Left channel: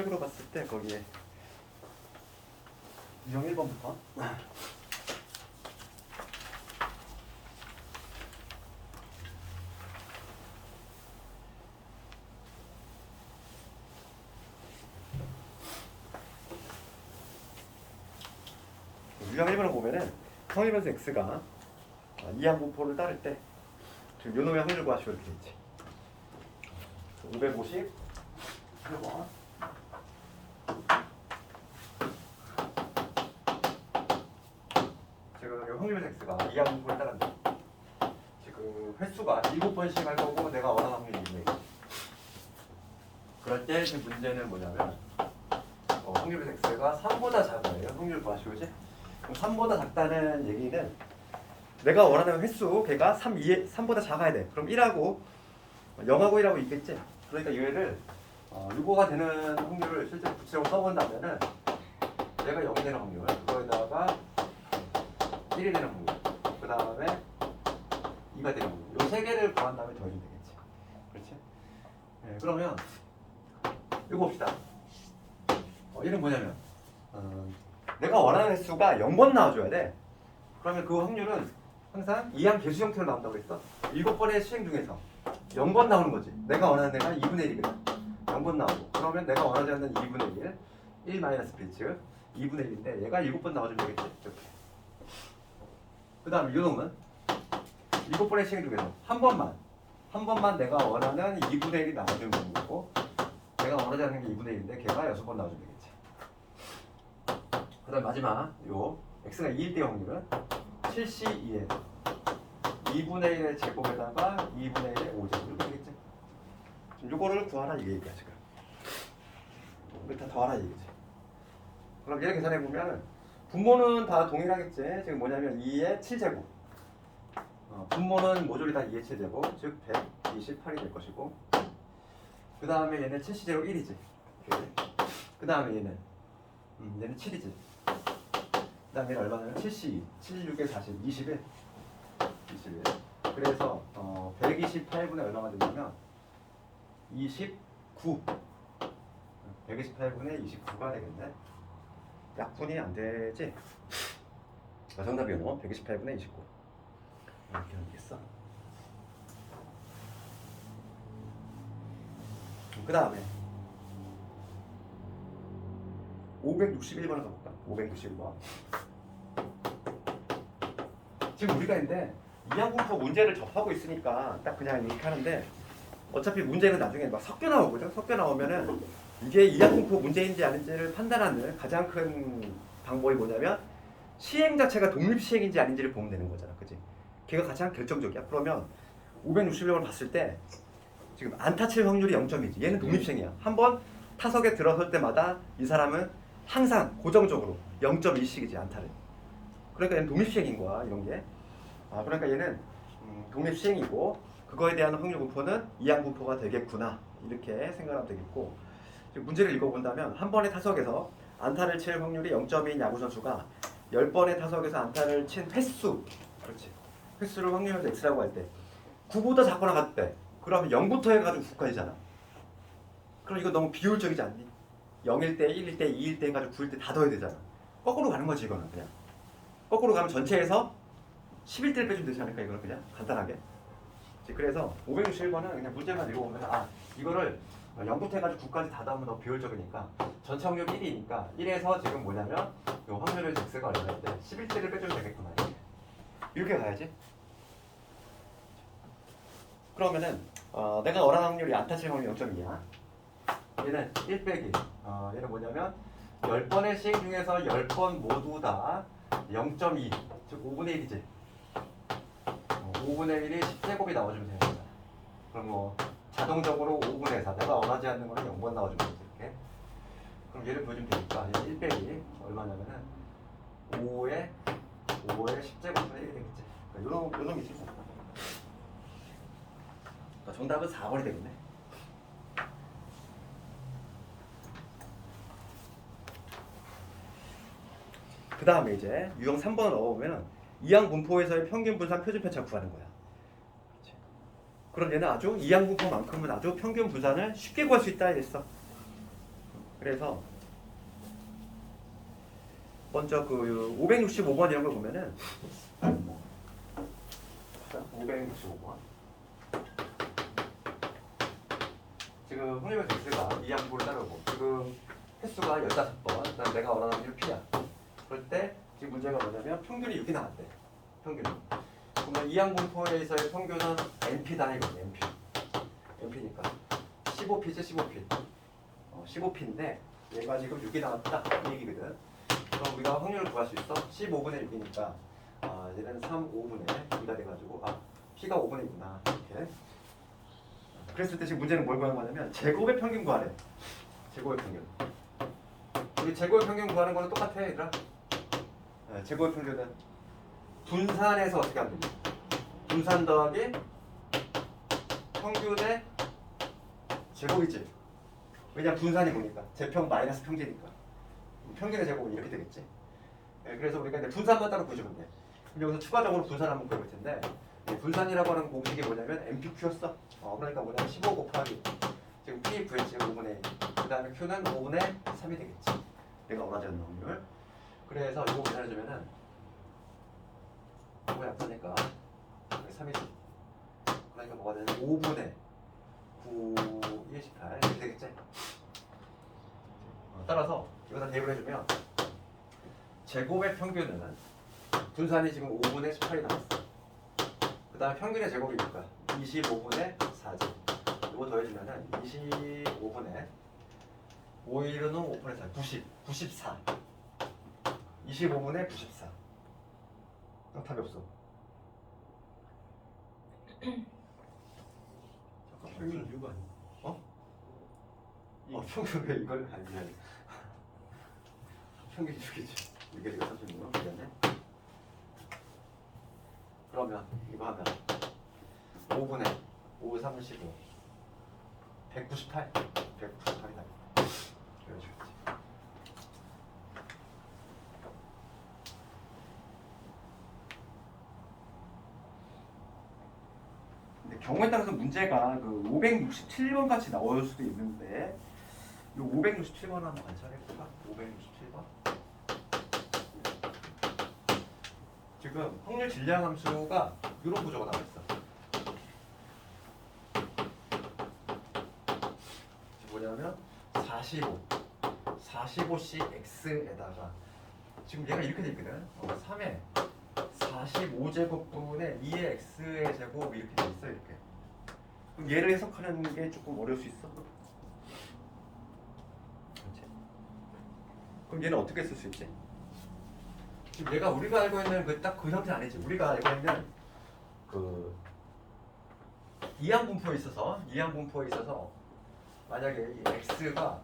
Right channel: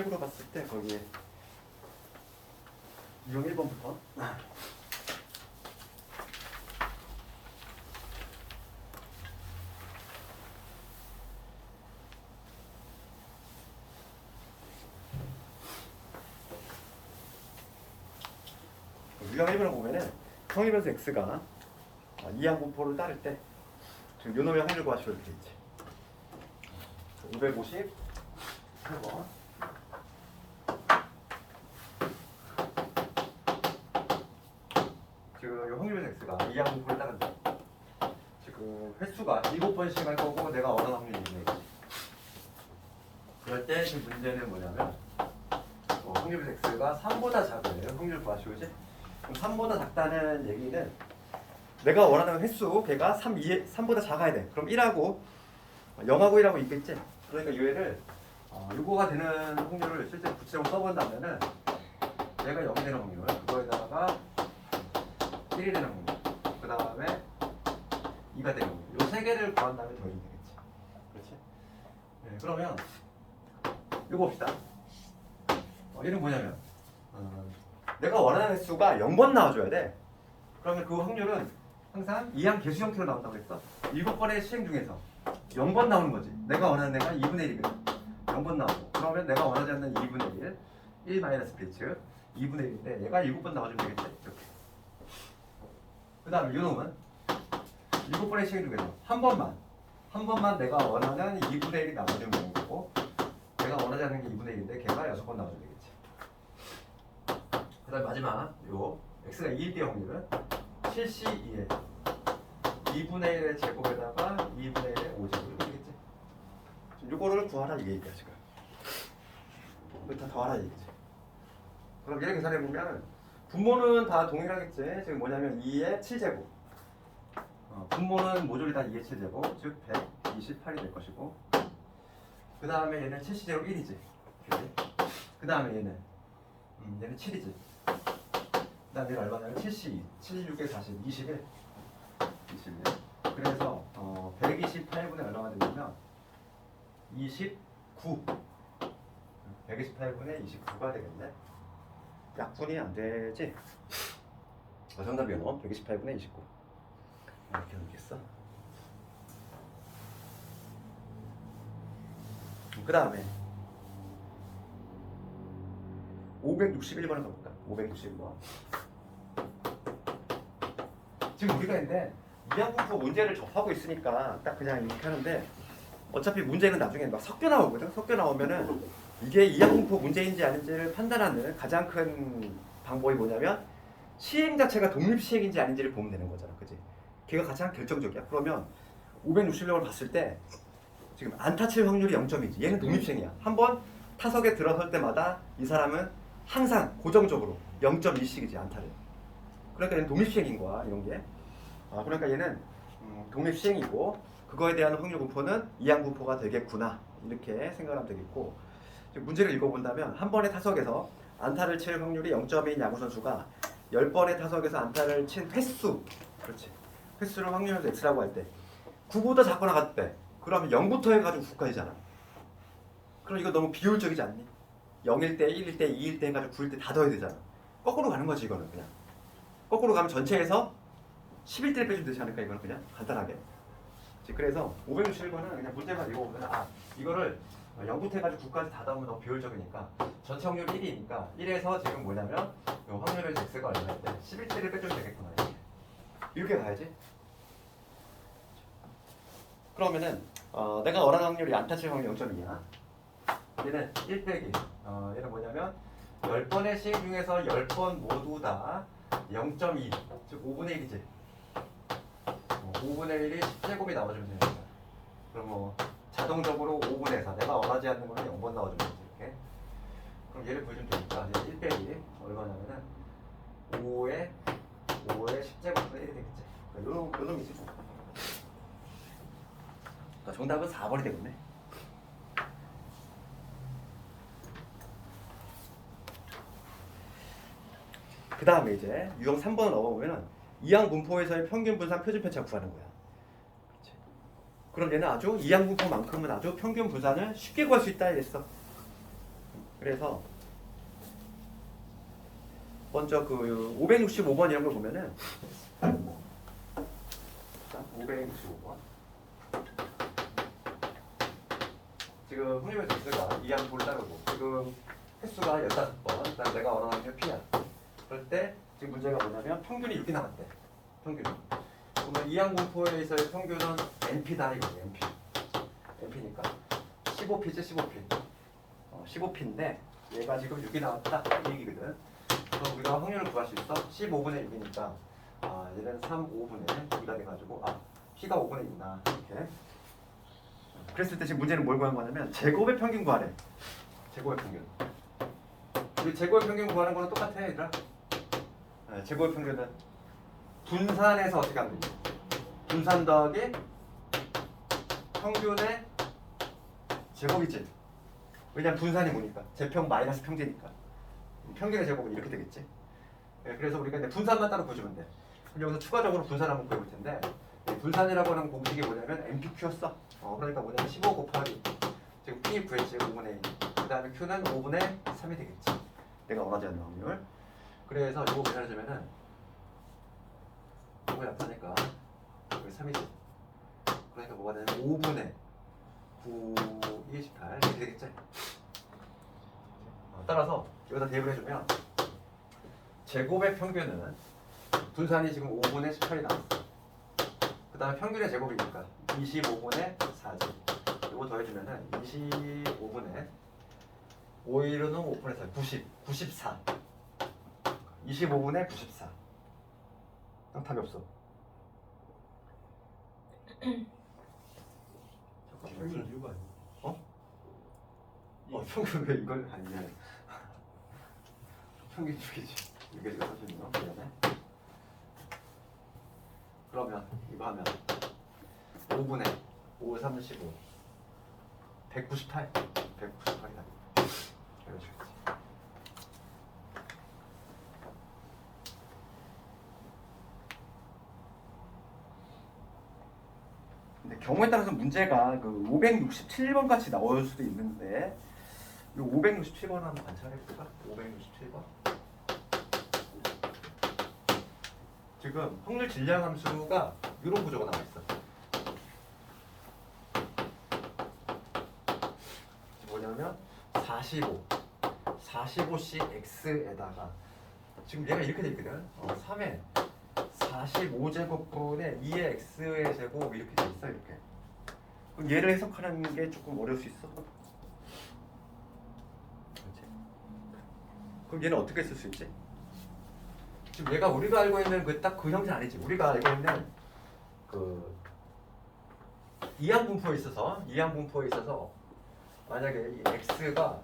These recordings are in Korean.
책으로 봤을 때 거기에 유형 1번부터 유형 1번을 보면은 성립변수 x가 이항 분포를 따를 때 지금 요놈의 확률 구하시오 이렇게 돼 있지. 558번 지금 요 확률 x가 이항 분포를 따른다. 지금 횟수가 7번씩 할 거고 내가 원하는 확률이 있네. 그럴 때 지금 문제는 뭐냐면 확률 x가 3보다 작아요. 확률 구하시오지? 그럼 3보다 작다는 얘기는 내가 원하는 횟수 걔가 3보다 작아야 돼. 그럼 1하고 0하고 1하고 있겠지? 그러니까 얘를 6호가 되는 확률을 실제 구체적으로 써본다면은 얘가 0이 되는 확률, 그거에다가 1이 되는 확률, 그 다음에 2가 되는 확률, 이 세 개를 구한 다음에 더해주면 되겠지. 그렇지? 네, 그러면 이거 봅시다. 얘는 뭐냐면 내가 원하는 횟수가 0번 나와줘야 돼. 그러면 그 확률은 항상 이항 개수 형태로 나온다고 했어. 7번의 시행 중에서 0번 나오는 거지. 내가 원하는 애가 2분의 1이거든. 0번 나오고. 그러면 내가 원하지 않는 2분의 1, 1 마이너스 P즉 2분의 1인데 얘가 7번 나와주면 되겠지. 이렇게. 그 다음에 이놈은 7번의 시행 중에서 한 번만 내가 원하는 2분의 1이 나와주면 되는 거고, 내가 원하지 않는 게 2분의 1인데 걔가 6번 나와주면 되겠지. 그 다음 마지막 요 x가 2일 때 확률은 7C2에 2분의 1의 제곱에다가 2분의 1의 5제곱 이렇게 되겠지. 요거를 구하라 이게 얘기야 지금. 이거 다 더하라 얘기지. 그럼 얘를 계산해 보면은 분모는 다 동일하겠지. 지금 뭐냐면 2의 7제곱. 분모는 모조리 다 2의 7제곱, 즉 128이 될 것이고. 그 다음에 얘는 7C제곱 1이지. 그 다음에 얘는 7이지. 그 다음에 얼마냐면 7C2, 76에 40, 21. 그래서 128분의 얼마가 되냐면 29. 128분의 29가 되겠네. 약분이 안 되지? 정답이 요 128분의 29. 이렇게 하면 되겠어. 그 다음에 561번을 가볼까? 561번. 지금 우리가 근데 이항분포 문제를 접하고 있으니까 딱 그냥 이렇게 하는데, 어차피 문제는 나중에 막 섞여 나오거든. 섞여 나오면은 이게 이항분포 문제인지 아닌지를 판단하는 가장 큰 방법이 뭐냐면 시행 자체가 독립시행인지 아닌지를 보면 되는 거잖아. 그치? 걔가 가장 결정적이야. 그러면 561번을 봤을 때 지금 안타 칠 확률이 0점이지. 얘는 독립시행이야. 한번 타석에 들어설 때마다 이 사람은 항상 고정적으로 0.2씩이지 안타를. 그러니까 얘는 독립시행인 거야. 이런 게. 그러니까 얘는 독립시행이고 그거에 대한 확률 분포는 이항 분포가 되겠구나. 이렇게 생각하면 되겠고, 지금 문제를 읽어본다면 한 번의 타석에서 안타를 칠 확률이 0.2인 야구 선수가 10번의 타석에서 안타를 친 횟수, 그렇지, 횟수를 확률에서 x라고 할 때 9보다 작거나 같대. 그러면 0부터 해가지고 9까지잖아. 그럼 이거 너무 비효율적이지 않니? 0일 때, 1일 때, 2일 때 해가지고 9일 때 다 더해야 되잖아. 거꾸로 가는 거지 이거는. 그냥 거꾸로 가면 전체에서 11대를 빼주면 되지 않을까? 이거는 그냥 간단하게. 그래서 561번은 그냥 문제만 읽어보면 이거를 0부터 해가지고 9까지 다 더하면 너무 비효율적이니까 전체 확률이 1이니까 1에서 지금 뭐냐면 요 확률의 x가 얼마인데 11대를 빼주면 되겠구나. 이렇게 가야지. 그러면은 내가 원하는 확률이 안타 칠 확률이 0.2야. 얘는 1 빼기 얘는 뭐냐면 10번의 시행 중에서 10번 모두 다 0.2, 즉 5분의 1이지. 5분의 1이 10제곱이 나와주면 되는 거야. 그럼 뭐 자동적으로 5분의 4, 내가 원하지 않는 거는 0번 나와주면 되지. 이렇게. 그럼 얘를 보여주면 되니까 얘는 1 빼기 얼마냐면은 5의 10제곱분의 1이 되겠지. 그러니까 요런 놈이지 뭐. 그러니까 정답은 4번이 되겠네. 그 다음에 이제 유형 3번을 넣어보면은 이항 분포에서의 평균 분산 표준 편차 구하는 거야. 그렇지. 그럼 얘는 아주 이항 분포만큼은 아주 평균 분산을 쉽게 구할 수 있다 이랬어. 그래서 먼저 그 565번 이런 걸 보면은 565번 지금 확률 배수가 이 항목을 따르고 지금 횟수가 15번 그다음 내가 원하는 게 P야. 그럴 때 지금 문제가 뭐냐면 평균이 6이 나왔대. 평균이. 그러면 이항공포에서의 평균은 NP다 이거지. NP니까 15P지 15P. 15P인데 얘가 지금 6이 나왔다 이 얘기거든. 그래서 우리가 확률을 구할 수 있어. 15분의 6이니까 얘는 3, 5분의 2가 돼가지고 P가 5분의 2구나 이렇게. 그랬을 때 지금 문제는 뭘 구한 거냐면 제곱의 평균 구하래. 제곱의 평균. 우리 제곱의 평균 구하는 거는 똑같아 얘들아. 제곱의 평균은 분산해서 어떻게 하면 되지? 분산 더하기 평균의 제곱이지. 왜냐면 분산이 뭐니까? 제평 마이너스 평제니까. 평균의 제곱은 이렇게 되겠지. 그래서 우리가 이제 분산만 따로 보시면 돼. 그럼 여기서 추가적으로 분산 한번 보여볼 텐데 이 분산이라고 하는 공식이 뭐냐면 MPQ였어. 그러니까 뭐냐면 15 곱하기 지금 P 구했지 5분의 1. 그 다음에 Q는 5분의 3이 되겠지. 내가 원하지 않는 확률. 그래서 이거 계산해주면은 이거 약하니까 여기 3이지. 그러니까 뭐가 되냐면 5분의 9, 28 이렇게 되겠지. 따라서 여기다 대입을 해주면 제곱의 평균은 분산이 지금 5분의 18이 나왔어. 그 다음에 평균의 제곱이니까 25분의 4지. 이거 더해주면은 25분의 5일은 5분의 4, 94. 25분의 94. 답이 없어. 평균 이거 아니야? 평균 왜 이걸 미안해. 평균 6이지. 이게 지금 36. 미안해. 그러면 이거 하면 5분의 5, 35 198 198이 다 그래가지고 근데 경우에 따라서 문제가 그 567번 같이 나올 수도 있는데 이 567번 한번 관찰해 볼까? 567번 지금 확률 질량 함수가 이런 구조가 나와 있어. 뭐냐면 45C X에다가 지금 얘가 이렇게 돼 있거든. 3에 45제곱분의 2의 X의 제곱 이렇게 돼 있어 이렇게. 그럼 얘를 해석하는 게 조금 어려울 수 있어. 그렇지? 그럼 얘는 어떻게 쓸 수 있지? 지금 얘가 우리가 알고 있는 그 딱 그 형태 아니지. 우리가 알고 있는 그 이항분포에 있어서 만약에 이 x가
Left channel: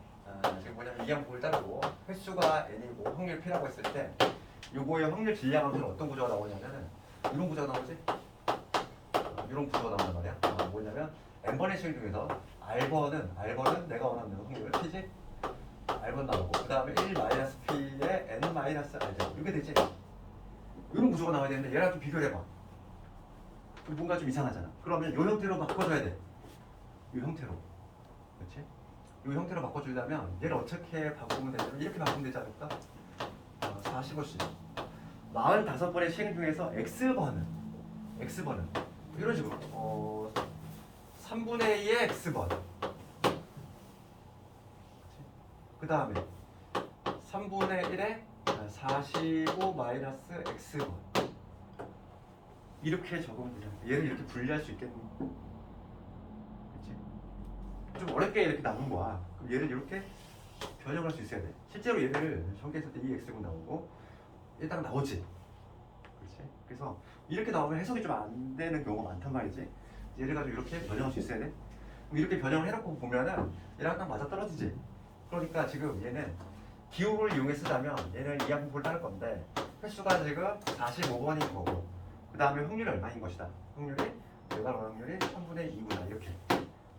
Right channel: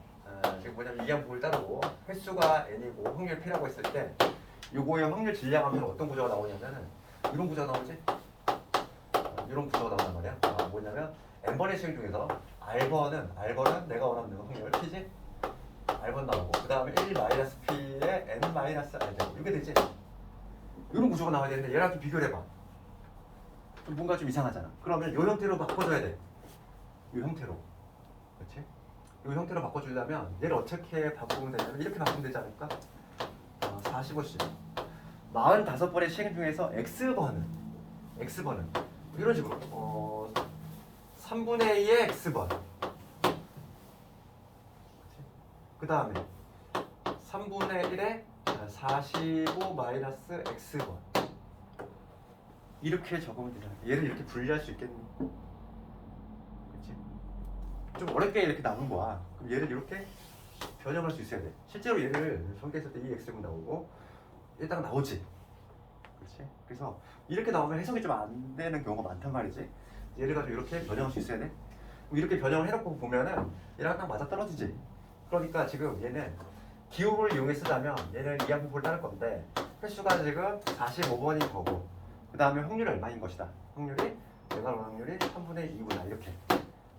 지금 뭐냐면 이항분포를 따르고 횟수가 n이고 확률 p라고 했을 때 요거의 확률 질량하면 어떤 구조가 나오냐면은 이런 구조가 나오지. 이런 구조가 나온단 말이야. 뭐냐면 n번의 실 중에서 r번은 내가 원하는 확률 p지. r번 나오고 그 다음에 1-p의 n-r 제곱 이렇게 되지. 이런 구조가 나와야 되는데 얘랑 좀 비교를 해봐. 뭔가 좀 이상하잖아. 그러면 이 형태로 바꿔줘야 돼. 이 형태로. 그렇지? 이 형태로 바꿔주려면 얘를 어떻게 바꾸면 되냐면 이렇게 바꾸면 되지 않을까? 45C 45번의 시행 중에서 X번은 이런 식으로 3분의 2의 X번 그 다음에 3분의 1의 45 마이너스 X번 이렇게 적으면 되잖아. 얘를 이렇게 분리할 수 있겠니? 그렇지? 좀 어렵게 이렇게 나눈 거야. 그럼 얘를 이렇게 변형할 수 있어야 돼. 실제로 얘를 전개했을 때 이 x제곱 나오고 얘다가 나오지. 그렇지? 그래서 이렇게 나오면 해석이 좀 안 되는 경우가 많단 말이지. 얘를 가지고 이렇게 변형할 수 있어야 돼. 그럼 이렇게 변형을 해놓고 보면은 얘랑 딱 맞아 떨어지지. 그러니까 지금 얘는 기호를 이용해 쓰자면 얘는 이항분포를 따를 건데 횟수가 지금 45번인 거고 그 다음에 확률이 얼마인 것이다. 확률이 내가 원하는 확률이 3분의 2구나 이렇게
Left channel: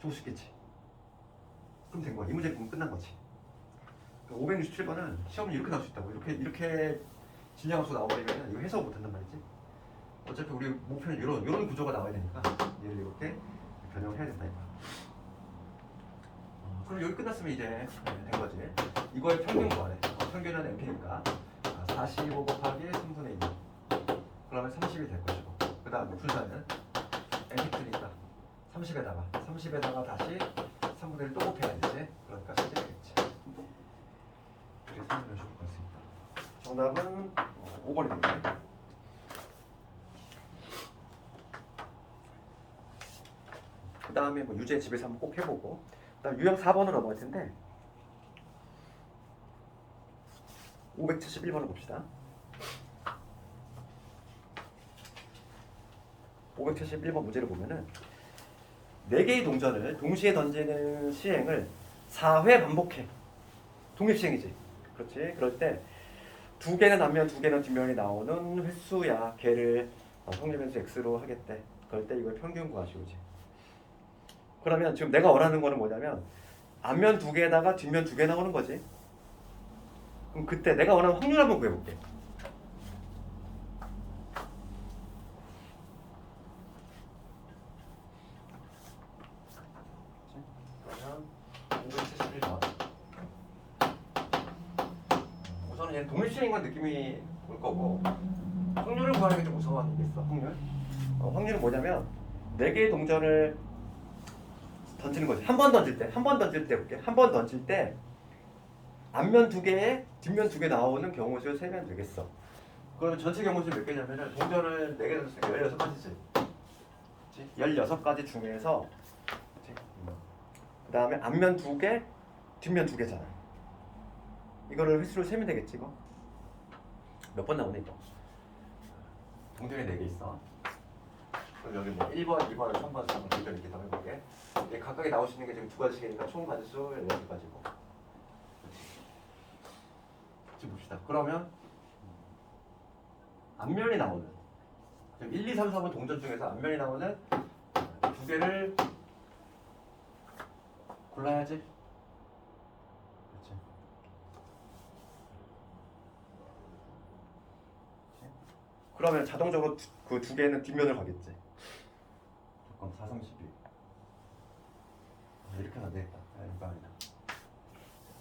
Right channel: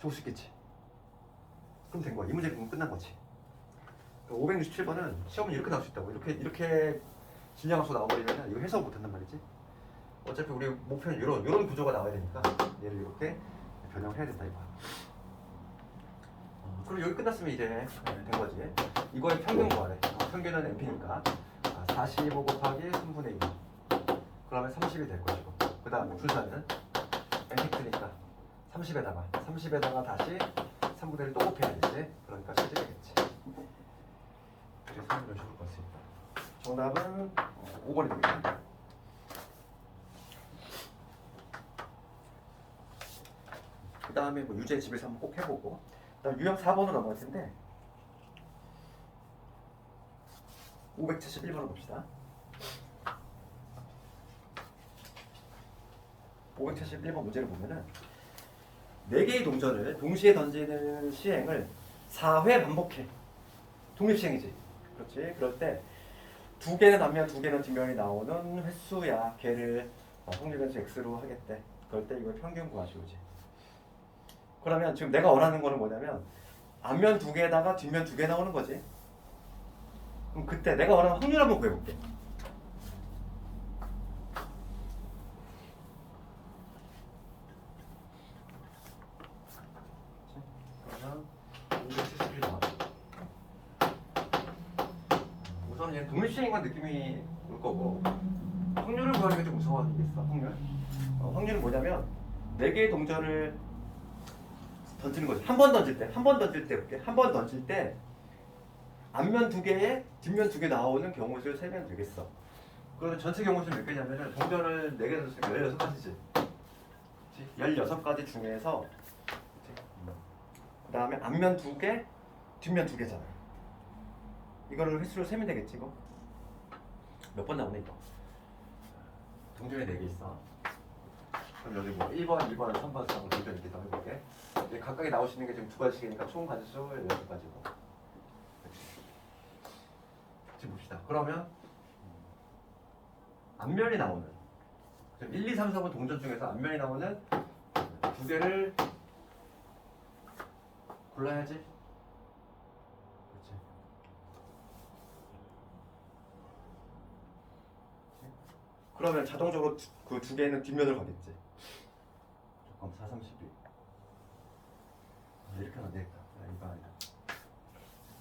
줄 수 있겠지. 그럼 된 거야. 이 문제 그럼 끝난 거지. 567번은 시험은 이렇게 나올 수 있다고. 이렇게 질량함수 나와버리면 이거 해석 못한단 말이지. 어차피 우리 목표는 이런 구조가 나와야 되니까 얘를 이렇게 변형을 해야 된다 이거. 그럼 여기 끝났으면 이제 된 거지. 이거의 평균 구하래. 평균은 np니까 45 곱하기 3분의 2. 그러면 30이 될 것이고. 그 다음에 분산은 np니까 30에다가 다시 3분의 1 또 곱해야 되지. 그러니까 10이 되겠지. 이렇게 설명을 볼 수 있다. 정답은 5번이 되겠네. 그 다음에 뭐 유제 집에서 한번 꼭 해보고. 그다음 유형 4번으로 넘어갈 텐데 571번을 봅시다. 571번 문제를 보면은 4개의 동전을 동시에 던지는 시행을 4회 반복해. 독립시행이지. 그렇지. 그럴 때 2개는 앞면 2개는 뒷면이 나오는 횟수야. 걔를 확률 변수 x로 하겠대. 그럴 때 이걸 평균 구하시오지. 그러면 지금 내가 원하는 거는 뭐냐면 앞면 2개에다가 뒷면 2개 나오는 거지. 그럼 그때 내가 원하는 확률 한번 구해볼게. 그러면 571번. 우선은 얘는 독립시행인 느낌이 올 거고 확률을 구하는 게 좀 우선이겠어. 확률은 뭐냐면 4개의 동전을 던지는 거지. 한 번 던질 때 볼게. 한 번 던질 때 앞면 2개에 뒷면 2개 나오는 경우수를 세면 되겠어. 그러면 전체 경우수 몇 개냐면은 동전을 4개 던졌으니까 16가지지. 16가지 중에서 그 다음에 앞면 2개, 뒷면 2개잖아. 이거를 횟수를 세면 되겠지 이거. 몇 번 나오네 이거. 동전이 4개 있어. 그럼 여기 뭐 1번, 2번, 3번, 4번 동전 이렇게 더 해볼게. 이게 각각이 나올 수 있는 게 지금 2가지씩이니까 총 가지수 16가지고. 지금 봅시다. 그러면 앞면이 나오는 1, 2, 3, 4번 동전 중에서 앞면이 나오는 2개를 골라야지. 그렇지. 그러면 자동적으로 그 2개는 뒷면을 가겠지. 잠깐 4, 3, 12. 이렇게 하면 안 되겠다. 이거 아니다.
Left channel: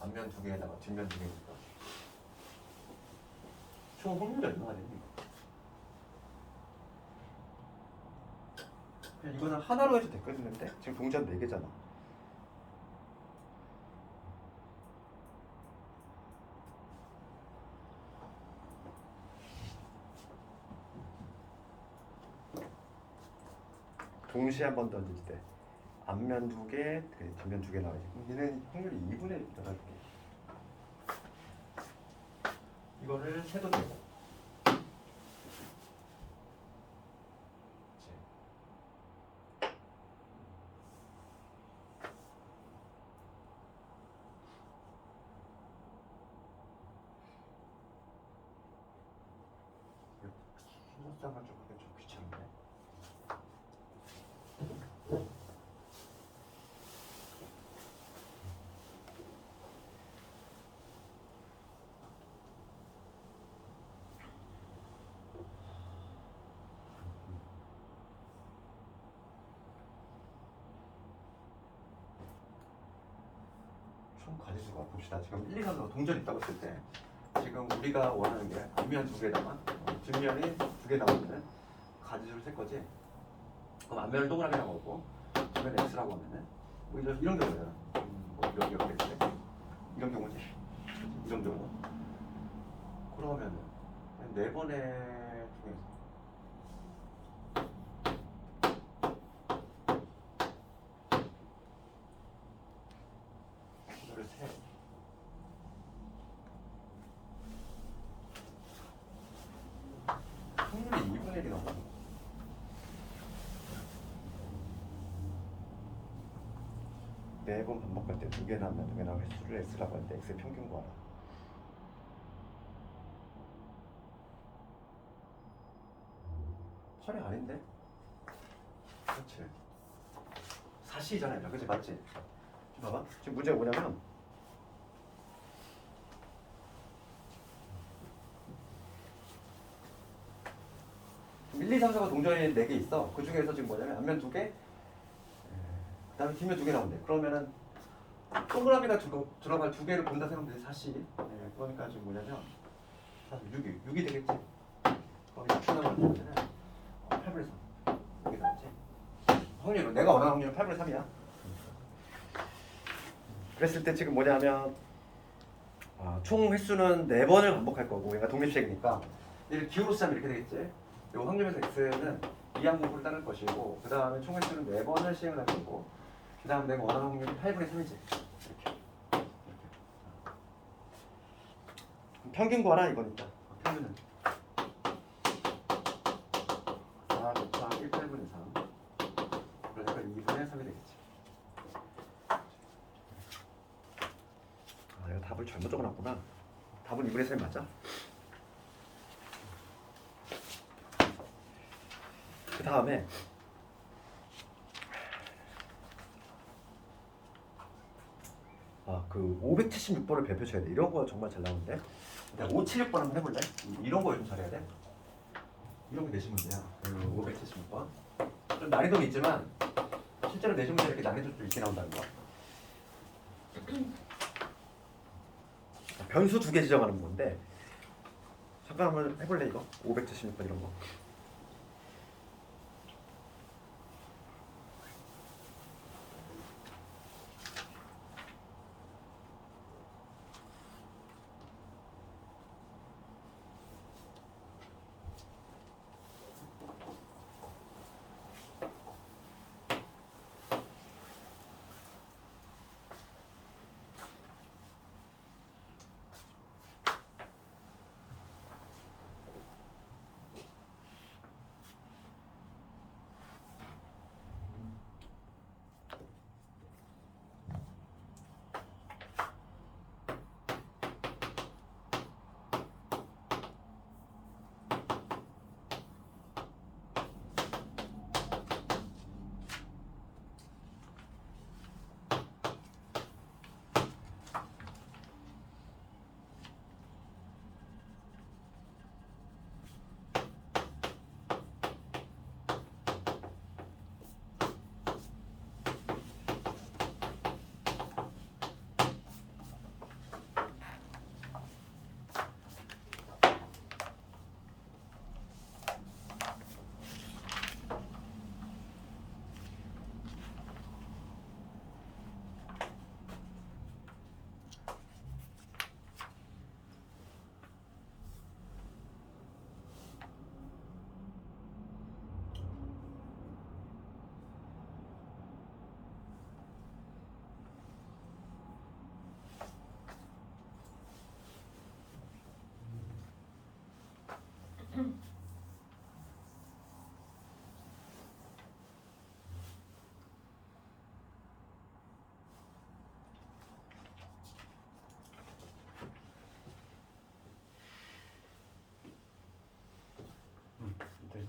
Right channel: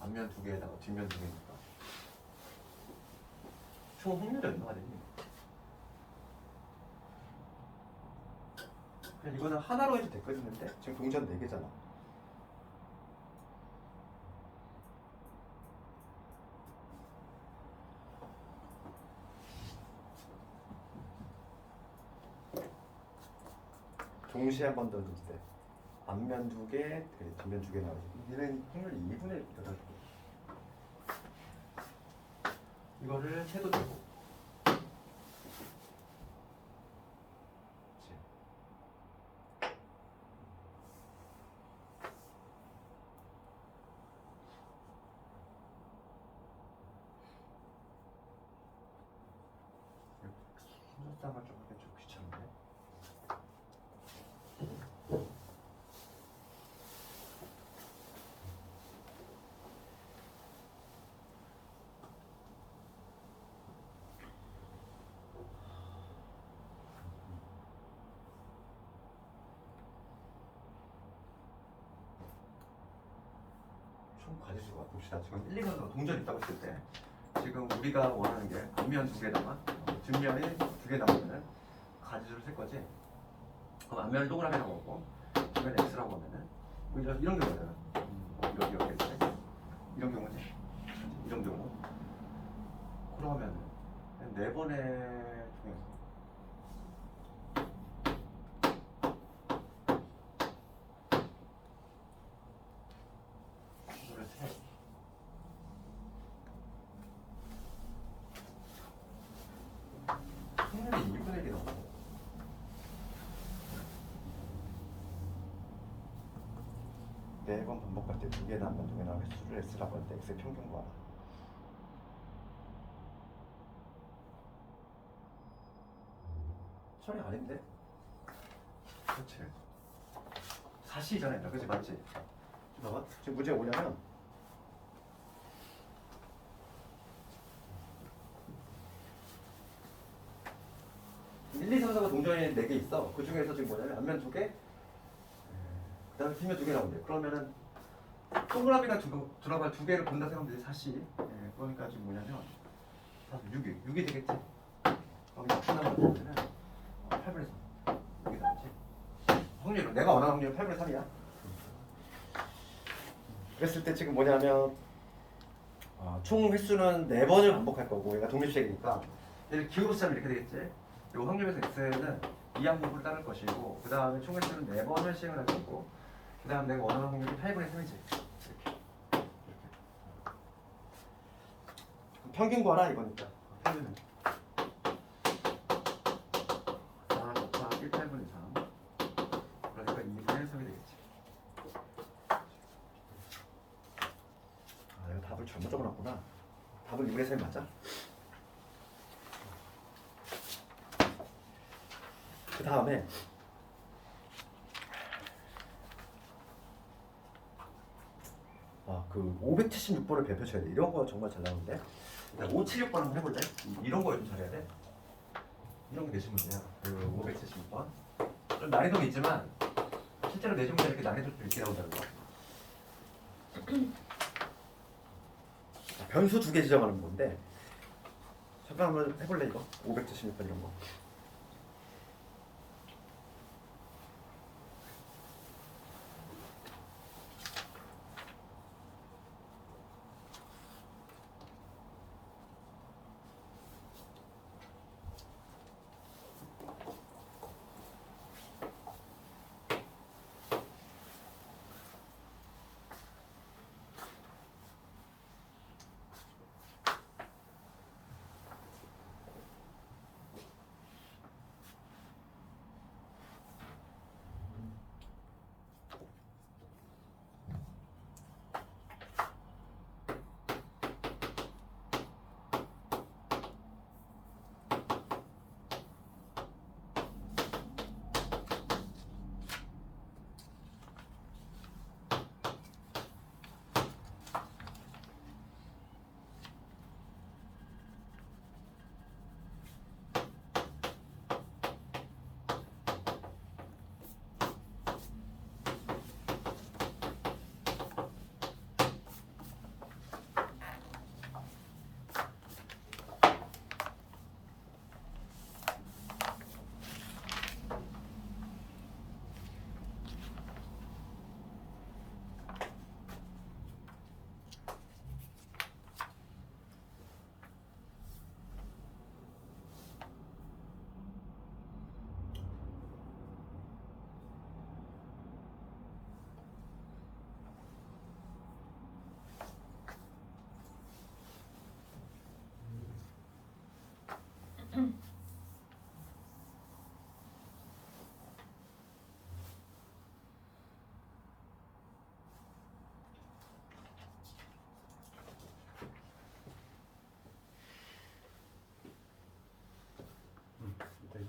앞면 2개에다가 뒷면 2개니까. 총 확률이 얼마가 되니? 그냥 이거는 하나로 해도 됐겠는데? 지금 동전 4개잖아. 동시에 한 번 던질 때 앞면 2개, 뒷면 2개 나와야지. 얘는 확률이 2분의 1 넣어줄게. 이거를 해도 되고. 순서상을 좀 하기가 좀 귀찮은데. 총 가지수가 봅시다. 지금 1, 2, 3, 4 동전 있다고 했을 때 지금 우리가 원하는 게 앞면 2개다가 뒷면이 2개 나오면은 가지수를 셀 거지. 그럼 앞면을 동그랗게 나오고 뒷면 x라고 하면은 뭐 이런 경우예요. 뭐 여기 x 이런 경우지. 이런 경우. 그러면은 4번의 중에서 이거를 세. 확률이 2분의 1이 나오고. 네 번 반복할 때 2개 나오면 2개 나오는 횟수를 x라고 할 때 x의 평균 구하라. 철이 아닌데? 그렇지. 사시잖아요. 그치 맞지? 봐봐. 지금 문제가 뭐냐면 1, 2, 3, 4가 동전이 4개 있어. 그 중에서 지금 뭐냐면 앞면 2개, 그 다음에 뒷면 2개 나온대. 그러면은 동그라미가 들어갈 두 개를 본다 생각하면 되지 40. 네, 그러니까 지금 뭐냐면 6이 되겠지. 그럼 약분하는 거는 8분의 3. 여기 나왔지. 확률은 내가 원하는 확률은 8분의 3이야. 그랬을 때 지금 뭐냐면 총 횟수는 4번을 반복할 거고 얘가 독립식이니까 얘를 기호로 쓰면 이렇게 되겠지. 이 확률에서 x는 이항분포를 따를 것이고 그 다음에 총 횟수는 4번을 시행을 할 거고 그 다음 내가 원하는 확률이 8분의 3이지. 이렇게. 평균 구하라 이거니까. 평균은 4 곱하기 1 8분의 3 그러니까 2분의 3이 되겠지. 내가 답을 잘못 적어놨구나. 답은 2분의 3이 맞아? 그 다음에 그 576번을 배표 쳐야 돼. 이런 거 정말 잘 나오는데. 576번 한번 해볼래? 이런 거에 좀 잘해야 돼. 이런 게 내신 문제야. 그 576번. 좀 난이도가 있지만 실제로 내신 문제 이렇게 난이도도 있게 나온다는 거야. 변수 2개 지정하는 건데 잠깐 한번 해볼래 이거? 576번 이런 거.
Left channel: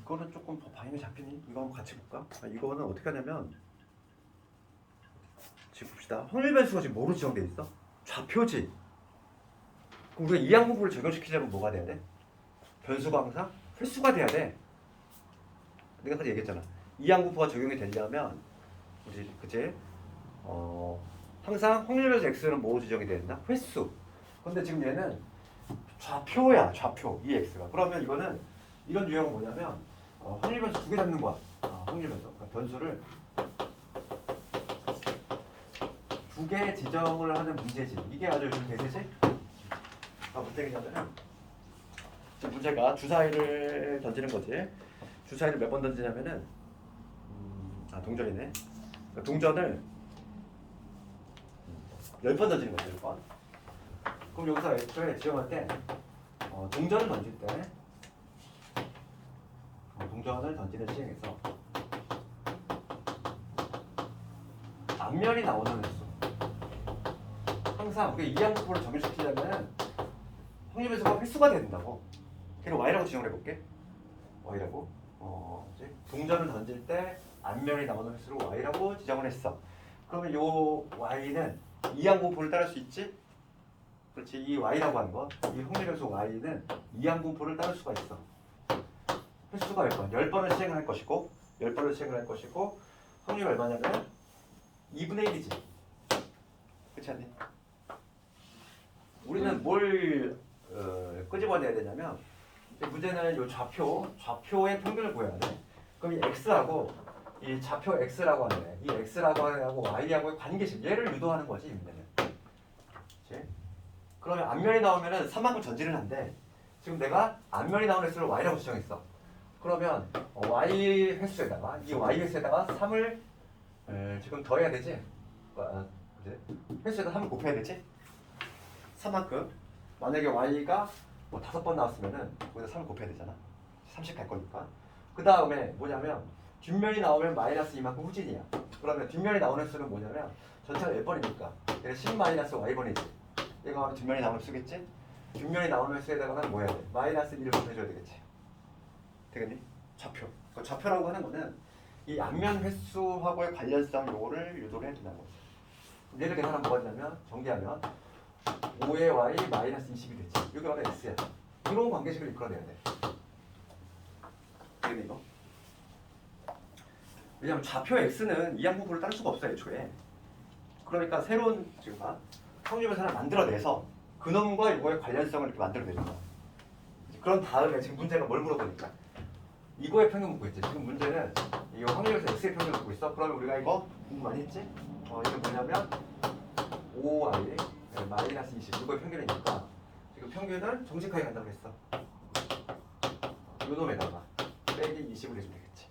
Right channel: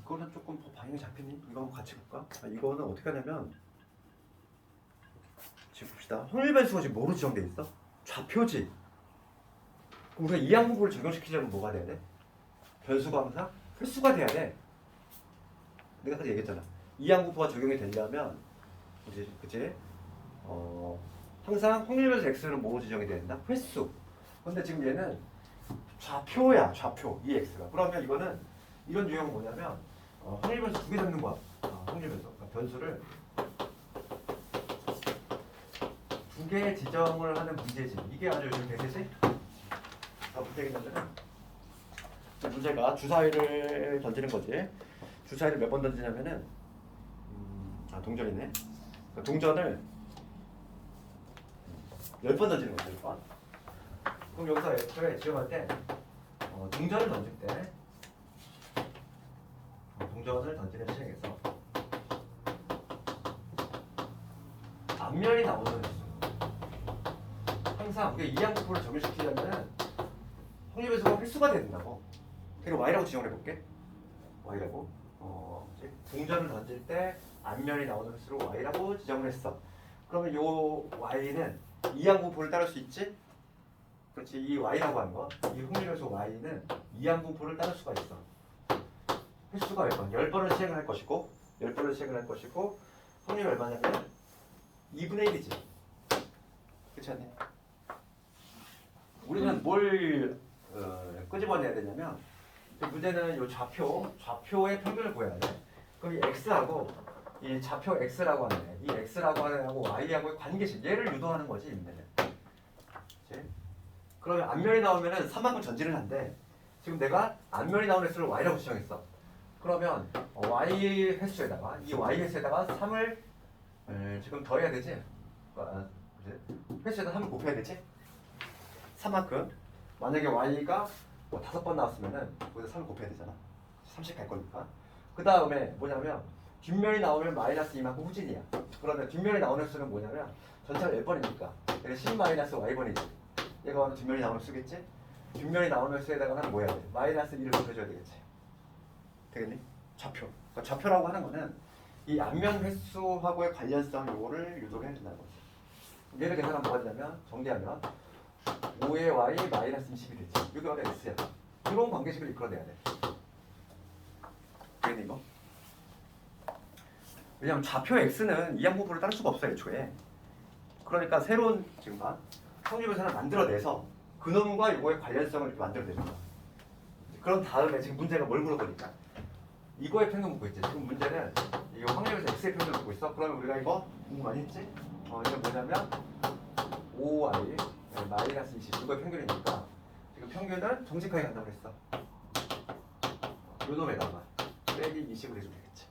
이거는 조금 방향이 잡히니? 이거 한번 같이 볼까? 이거는 어떻게 하냐면 지금 봅시다. 확률 변수가 지금 뭐로 지정돼 있어? 좌표지. 그럼 우리가 이항분포를 적용시키려면 뭐가 돼야 돼? 변수가 항상 홀수가 돼야 돼. 내가 아까 얘기했잖아. 이항분포가 적용이 되려면 그치? 항상 확률 변수 x는 뭐 지정이 돼야 된다? 횟수. 근데 지금 얘는 좌표야. 좌표. 이 x가. 그러면 이거는 이런 유형은 뭐냐면 확률 변수 2개 잡는 거야. 확률 변수. 그러니까 변수를 2개 지정을 하는 문제지. 이게 아주 요즘 대세지? 무슨 얘기냐면은 지금 문제가 주사위를 던지는 거지. 주사위를 몇 번 던지냐면은 동전이네. 그러니까 동전을 10번 던지는 거죠. 10번. 그럼 여기서 애초에 지정할 때 동전을 던질 때 동전을 던지는 시행에서 앞면이 나오는 횟수. 항상 우리가 이항분포를 적용시키려면 확률 변수가 횟수가 돼야 된다고. 그리고 y라고 지정을 해볼게. y라고. 동전을 던질 때 앞면이 나오는 횟수로 y라고 지정을 했어. 그러면 요 y는 이항분포를 따를 수 있지? 그렇지. 이 y라고 하는 건 이 확률 변수 y는 이항분포를 따를 수가 있어. 횟수가 몇 번? 10번을 시행을 할 것이고 10번을 시행을 할 것이고 확률이 얼마냐면 2분의 1이지. 그렇지 않니? 우리는 뭘 끄집어내야 되냐면 문제는 이 좌표의 평균을 구해야 돼. 그럼 이 x하고 이 좌표 x라고 하네. 이 x라고 하는 애하고 y하고의 관계식 얘를 유도하는 거지 문제는. 그렇지? 그러면 앞면이 나오면은 3만큼 전지를 한대. 지금 내가 앞면이 나오는 횟수를 y라고 지정했어. 그러면 y 횟수에다가 이 y 횟수에다가 3을 지금 더해야 되지? 횟수에다 3을 곱해야 되지? 3만큼. 만약에 y가 뭐 5번 나왔으면은 거기다 3을 곱해야 되잖아. 30 갈 거니까. 그 다음에 뭐냐면 뒷면이 나오면 마이너스 이만큼 후진이야. 그러면 뒷면이 나오는 횟수는 뭐냐면 전체가 몇 번이니까 얘는 10 마이너스 y번이지. 얘가 바로 뒷면이 나오는 횟수겠지? 뒷면이 나오는 횟수에다가는 뭐 해야 돼? 마이너스 1을 곱해줘야 되겠지. 되겠니? 좌표. 그러니까 좌표라고 하는 거는 이 앞면 횟수하고의 관련성 요거를 유도를 해야 된다는 거지. 얘를 계산하면 뭐가 되냐면 전개하면 5의 y 마이너스 20이 되지. 이게 바로 x야. 이런 관계식을 이끌어내야 돼. 되겠니 이거? 왜냐면 좌표 x는 이항분포를 따를 수가 없어요 애초에. 그러니까 새로운 지금 확률을 하나 만들어내서 그놈과 이거의 관련성을 이렇게 만들어내는 거야. 그런 다음에 지금 문제가 뭘 물어보니까 이거의 평균 묻고 있지. 지금 문제는 이 확률에서 x의 평균을 묻고 있어. 그러면 우리가 이거 공부 많이 했지? 이게 뭐냐면 5y 마이너스 20 이거의 평균이니까 지금 평균은 정직하게 간다고 그랬어. 요 놈에다가 빼기 20을 해주면 되겠지.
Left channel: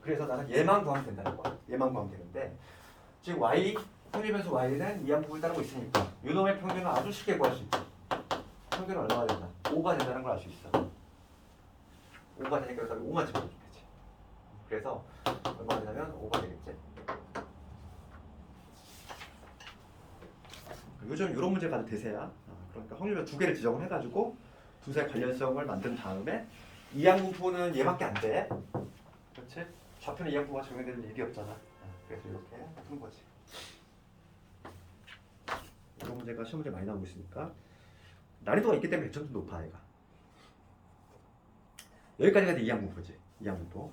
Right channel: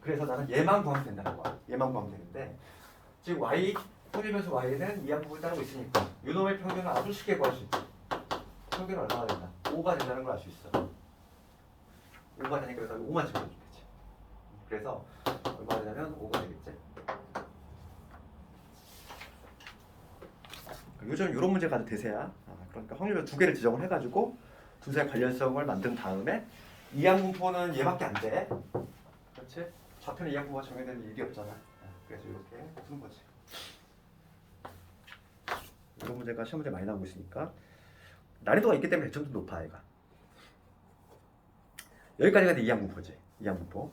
그래서 나는 얘만 구하면 된다는 거야. 얘만 구하면 되는데 지금 y 확률 변수 y는 이항분포를 따르고 있으니까 요 놈의 평균을 아주 쉽게 구할 수 있지. 평균은 얼마가 된다? 5가 된다는 걸 알 수 있어. 5가 되니까 여기다 5만 집어주면 되지. 그래서 얼마가 되냐면 5가 되겠지. 요즘 이런 문제가 아주 대세야. 그러니까 확률을 두 개를 지정을 해가지고 두세 관련성을 만든 다음에 이항분포는 얘밖에 안 돼. 그렇지? 좌표는 이항분포가 적용될 일이 없잖아. 그래서 이렇게 푸는 거지. 이런 문제가 시험 문제 많이 나오고 있으니까 난이도가 있기 때문에 배점도 높아 얘가. 여기까지가 이항분포지. 이항분포.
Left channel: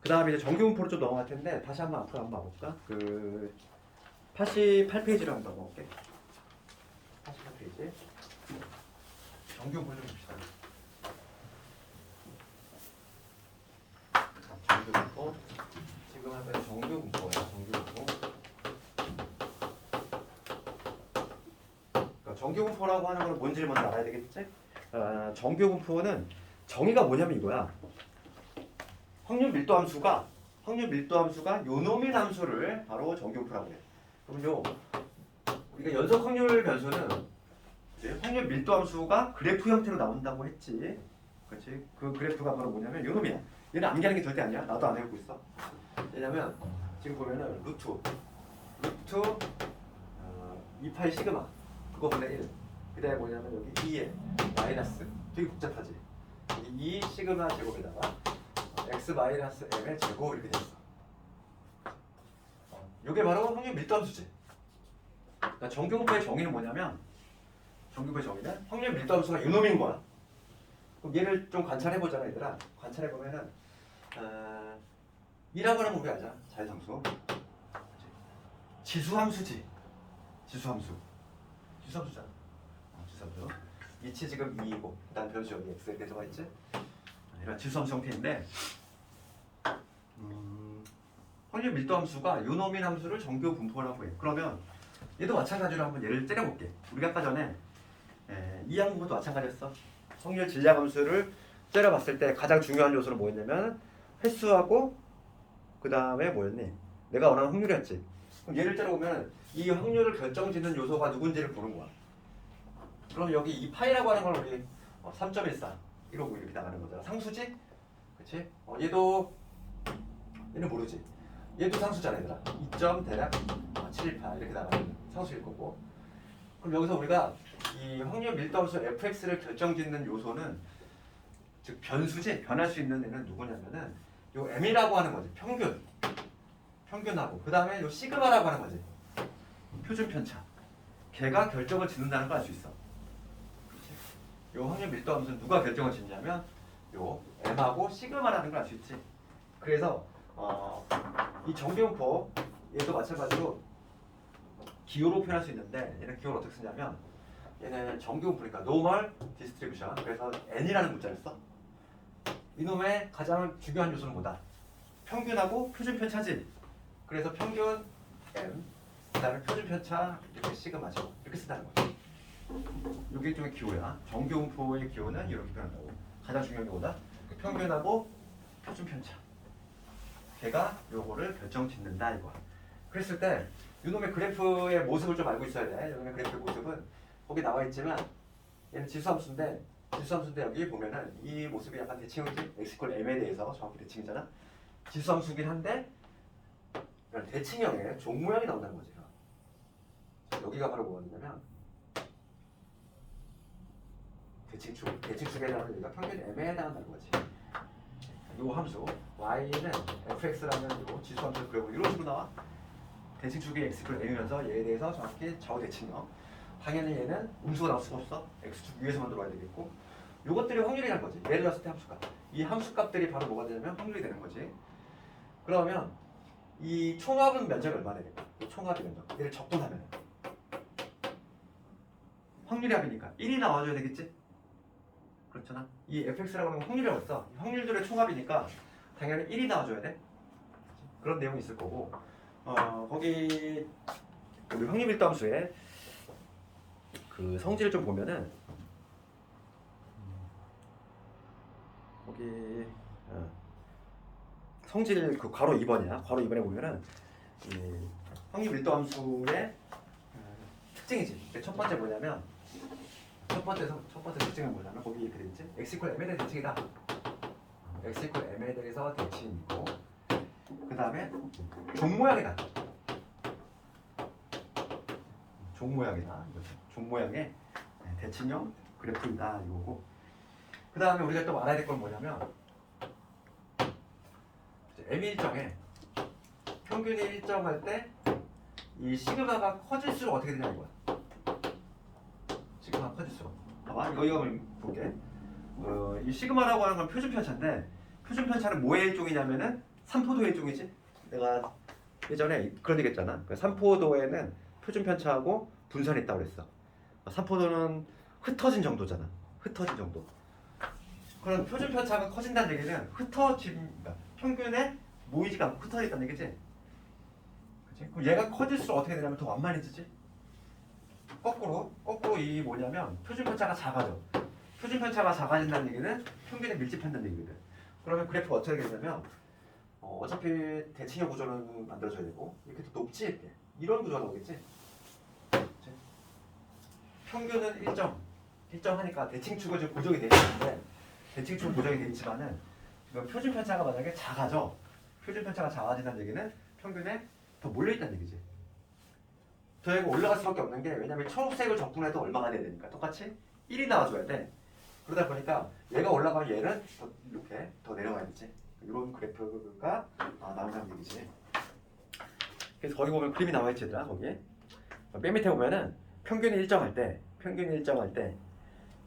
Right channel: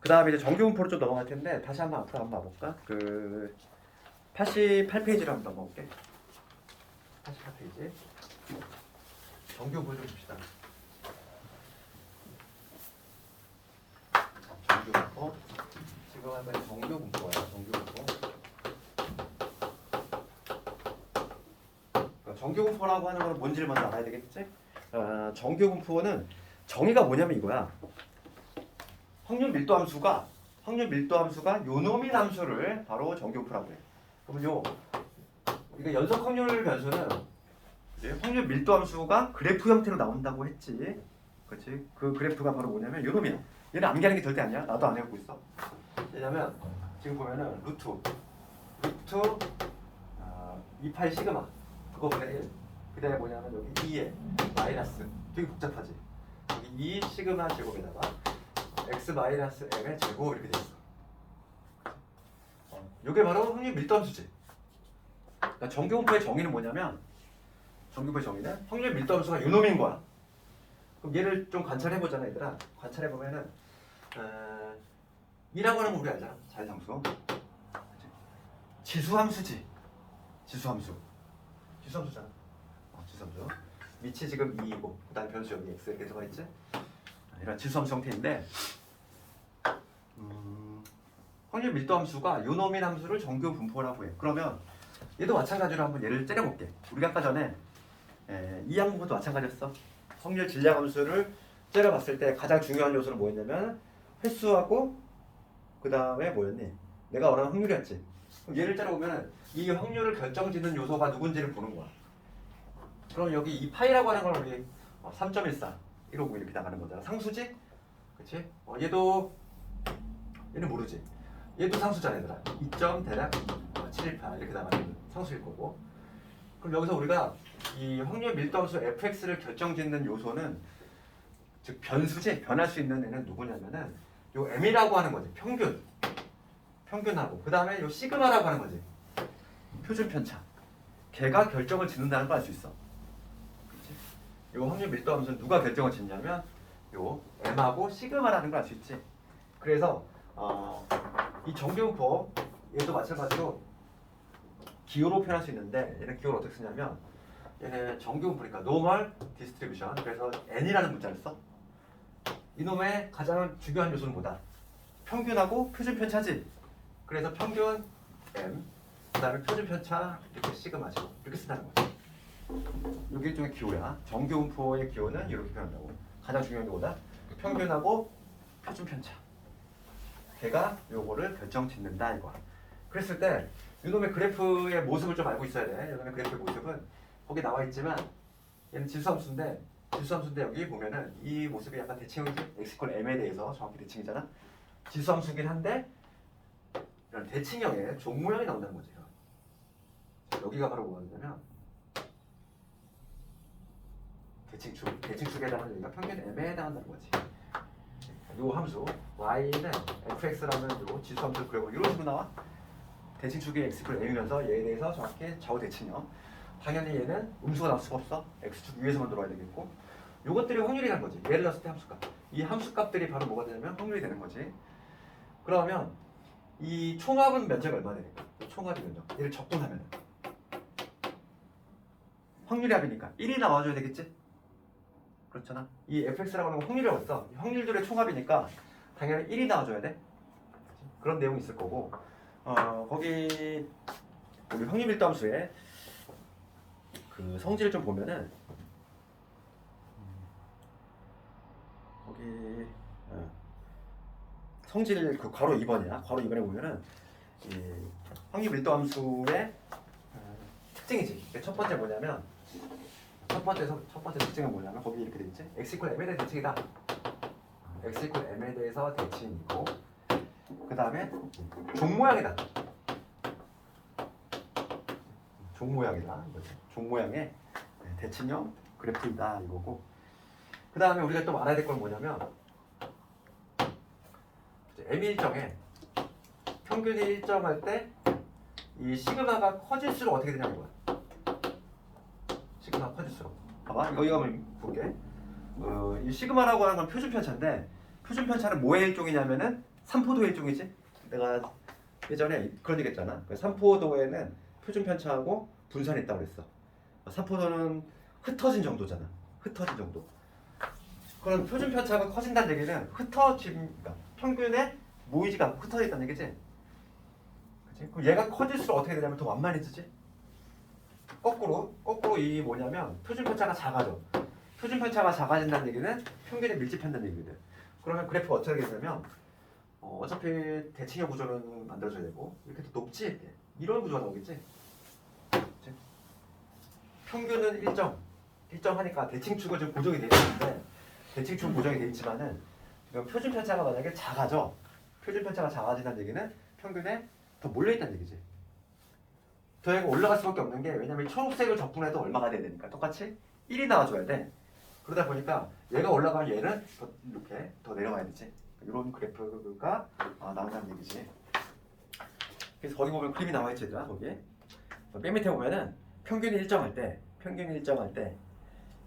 그 다음에 이제 정규분포로 좀 넘어갈 텐데 다시 한번 앞으로 한번 봐볼까? 88페이지로 한번 넘어갈게. 88페이지. 정규분포 좀 봅시다. 정규분포. 지금 한 가지 정규분포야. 정규분포. 정규분포라고 하는 거는 뭔지를 먼저 알아야 되겠지? 정규분포는 정의가 뭐냐면 이거야. 확률 밀도 함수가 요노민 함수를 바로 정규분포라고 해. 그럼 우리가 연속 확률 변수는 이제 확률 밀도 함수가 그래프 형태로 나온다고 했지. 그렇지? 그 그래프가 바로 뭐냐면 요놈이야. 얘는 암기하는 게 절대 아니야. 나도 안 해보고 있어. 왜냐면 지금 보면은 루트 28 시그마 그거분의 1. 그 다음에 뭐냐면 여기 2에 마이너스 되게 복잡하지. 여기 2 시그마 제곱에다가 x 마이너스 m의 제곱 이렇게 됐어. 이게 바로 확률 밀도 함수지. 그러니까 정규분포의 정의는 뭐냐면 정규분포의 정의는 확률 밀도 함수가 요놈인 거야. 그럼 얘를 좀 관찰해보잖아 얘들아. 관찰해보면은 2라고 하는 거 우리 알잖아. 자연상수. 지수함수지. 지수함수잖아. 지수함수. 위치 지금 2이고 그 다음 변수 여기 x 이렇게 들어가 있지. 이런 지수함수 형태인데 확률 밀도 함수가 요노민 함수를 정규 분포라고 해. 그러면 얘도 마찬가지로 한번 예를 때려볼게. 우리가 아까 전에 이항분포도 마찬가지였어. 확률 질량 함수를 때려봤을 때 가장 중요한 요소는 뭐였냐면 횟수하고 그 다음에 뭐였니? 내가 원하는 확률이었지. 그럼 얘를 때려보면 이 확률을 결정짓는 요소가 누군지를 보는 거야. 그럼 여기 이 파이라고 하는 걸 우리 3.14 이러고 이렇게 나가는 거잖아. 상수지? 그치? 얘는 모르지. 얘도 상수잖아 얘들아. 2점 대략 718 이렇게 나가는 상수일 거고. 그럼 여기서 우리가 이 확률 밀도 함수 fx를 결정짓는 요소는 즉 변수지. 변할 수 있는 애는 누구냐면은 요 m이라고 하는 거지. 평균하고 그 다음에 요 시그마라고 하는 거지. 표준 편차. 걔가 결정을 짓는다는 걸 알 수 있어. 그치? 요 확률 밀도 함수는 누가 결정을 짓냐면 요 m하고 시그마라는 걸 알 수 있지. 그래서 이 정규분포 얘도 마찬가지로 기호로 표현할 수 있는데 얘는 기호를 어떻게 쓰냐면 얘는 정규분포니까 normal distribution. 그래서 n이라는 문자를 써. 이놈의 가장 중요한 요소는 뭐다? 평균하고 표준 편차지. 그래서 평균 m 그다음에 표준 편차 이렇게 시그마죠. 이렇게 쓴다는 거지. 이게 일종의 기호야. 정규분포의 기호는 이렇게 표현한다고. 가장 중요한 게 뭐다? 평균하고 표준 편차. 걔가 요거를 결정 짓는다 이거. 그랬을 때 이놈의 그래프의 모습을 좀 알고 있어야 돼. 이놈의 그래프의 모습은 거기 나와 있지만 얘는 지수함수인데 여기 보면은 이 모습이 약간 대칭이지. x = m에 대해서 정확히 대칭이잖아. 지수함수긴 한데 이런 대칭형의 종 모양이 나온다는 거지. 여기가 바로 뭐냐면 대칭축에 해당하는 여기가 평균 m에 해당한다는 거지. 요 함수 y는 fx라는 요 지수함수를 그려보면 이런 식으로 나와. 대칭축이 x = m이면서 얘에 대해서 정확히 좌우 대칭형. 당연히 얘는 음수가 나올 수가 없어. x축 위에서만 들어와야 되겠고. 요것들이 확률이라는 거지. 예를 들었을 때 함수값. 이 함수값들이 바로 뭐가 되냐면 확률이 되는 거지. 그러면 이 총합은 면적이 얼마 되니까? 총합의 면적. 얘를 적분하면 확률의 합이니까 1이 나와줘야 되겠지? 그렇잖아. 이 fx라고 하는 건 확률이라고 했어. 확률들의 총합이니까 당연히 1이 나와줘야 돼. 그런 내용이 있을 거고. 거기 우리 확률밀도함수에 그 성질을 좀 보면은 거기 성질 그 괄호 2번이야. 괄호 2번에 보면은 이 확률밀도함수의 특징이지. 첫 번째 뭐냐면 첫 번째 특징은 뭐냐면 거기 이렇게 되어 있지. x = m에 대한 대칭이다. x = m에 대해서 대칭이고 그 다음에 종 모양이다. 종 모양이다. 종 모양의 대칭형 그래프이다 이거고. 그 다음에 우리가 또 알아야 될 건 뭐냐면 m 일정에 평균이 일정할 때 이 시그마가 커질수록 어떻게 되냐는 거야. 시그마 커질수록. 봐봐 여기 한번 볼게. 이 시그마라고 하는 건 표준 편차인데 표준 편차는 뭐의 일종이냐면은 삼포도의 일종이지. 내가 예전에 그런 얘기 했잖아. 삼포도에는 표준 편차하고 분산이 있다고 그랬어. 삼포도는 흩어진 정도잖아. 흩어진 정도. 그럼 표준 편차가 커진다는 얘기는 흩어집니다. 평균에 모이지가 않고 흩어져 있다는 얘기지. 그치? 그럼 얘가 커질수록 어떻게 되냐면 더 완만해지지. 거꾸로 이 뭐냐면 표준 편차가 작아져. 표준 편차가 작아진다는 얘기는 평균에 밀집한다는 얘기거든. 그러면 그래프가 어떻게 되냐면 어차피 대칭의 구조는 만들어져야 되고 이렇게 높지 이렇게. 이런 구조가 나오겠지. 그치? 평균은 일정하니까 대칭축은 지금 고정이 되어 있는데 대칭축 고정이 되어 있지만은 표준 편차가 만약에 작아져. 표준 편차가 작아진다는 얘기는 평균에 더 몰려있다는 얘기지. 더 얘가 올라갈 수밖에 없는 게 왜냐면 초록색을 적분해도 얼마가 돼야 되니까 똑같이 1이 나와줘야 돼. 그러다 보니까 얘가 올라가면 얘는 더 이렇게 더 내려가야 되지. 이런 그래프가 나온다는 얘기지. 그래서 거기 보면 그림이 나와 있지 얘들아. 거기에 맨 밑에 보면은 평균이 일정할 때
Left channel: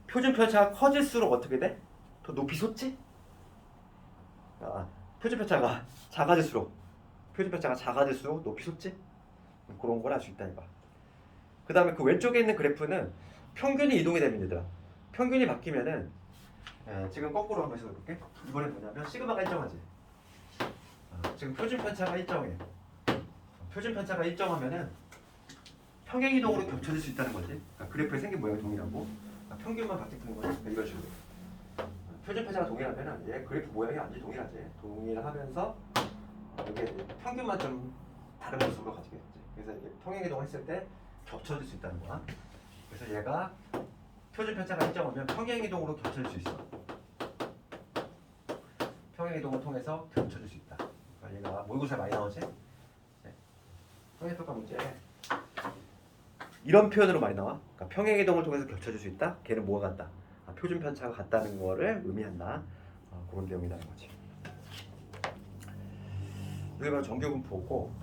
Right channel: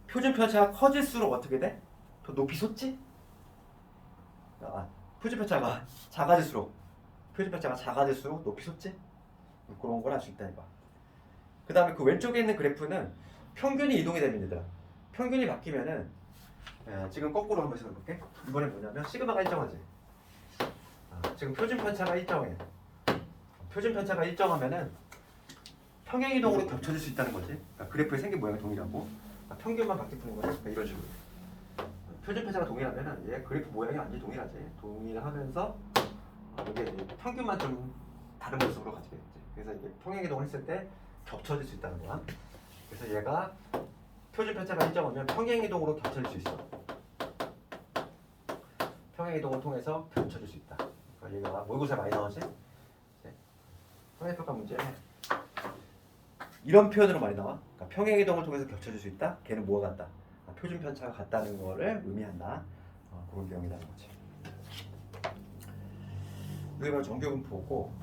표준 편차가 커질수록 어떻게 돼? 더 높이 솟지? 표준 편차가 작아질수록 높이 솟지? 그런 걸 알 수 있다 이거. 그 다음에 그 왼쪽에 있는 그래프는 평균이 이동이 되면 얘들아. 평균이 바뀌면은 지금 거꾸로 한번 해볼게. 이번엔 뭐냐면 시그마가 일정하지. 지금 표준 편차가 일정해. 표준 편차가 일정하면은 평행 이동으로 겹쳐질 수 있다는 거지. 그래프의 생긴 모양이 동일하고 평균만 바뀌는 거지. 이런 식으로. 표준 편차가 동일하면은 얘 그래프 모양이 완전히 동일하지. 동일하면서 이게 평균만 좀 다른 모습으로 가지게 되지. 그래서 이게 평행 이동을 했을 때 겹쳐질 수 있다는 거야. 그래서 얘가 표준 편차가 일정하면 평행 이동으로 겹쳐질 수 있어. 평행 이동을 통해서 겹쳐질 수 있다. 그러니까 얘가 모의고사 많이 나오지? 평행평가 문제 이런 표현으로 많이 나와. 그러니까 평행 이동을 통해서 겹쳐질 수 있다. 걔는 뭐가 같다? 표준 편차가 같다는 거를 의미한다. 그런 내용이라는 거지. 이게 바로 정규분포고.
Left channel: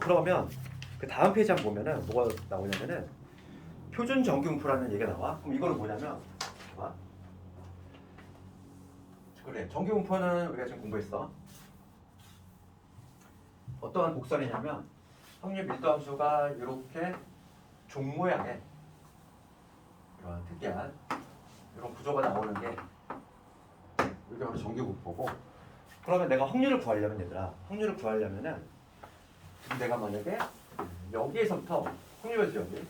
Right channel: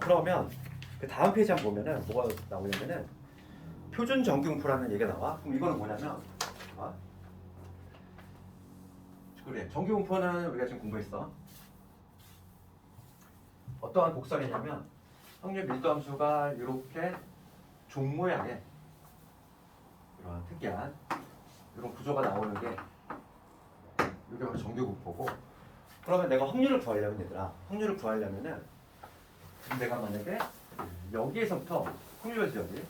그러면 그 다음 페이지 한번 보면은 뭐가 나오냐면은 표준 정규분포라는 얘기가 나와. 그럼 이거는 뭐냐면 그래. 정규분포는 우리가 지금 공부했어. 어떠한 곡선이냐면 확률 밀도함수가 이렇게 종 모양의 이런 특이한 이런 구조가 나오는 게 이게 바로 정규분포고. 그러면 내가 확률을 구하려면 얘들아, 확률을 구하려면은 지금 내가 만약에 여기에서부터 확률이지 여기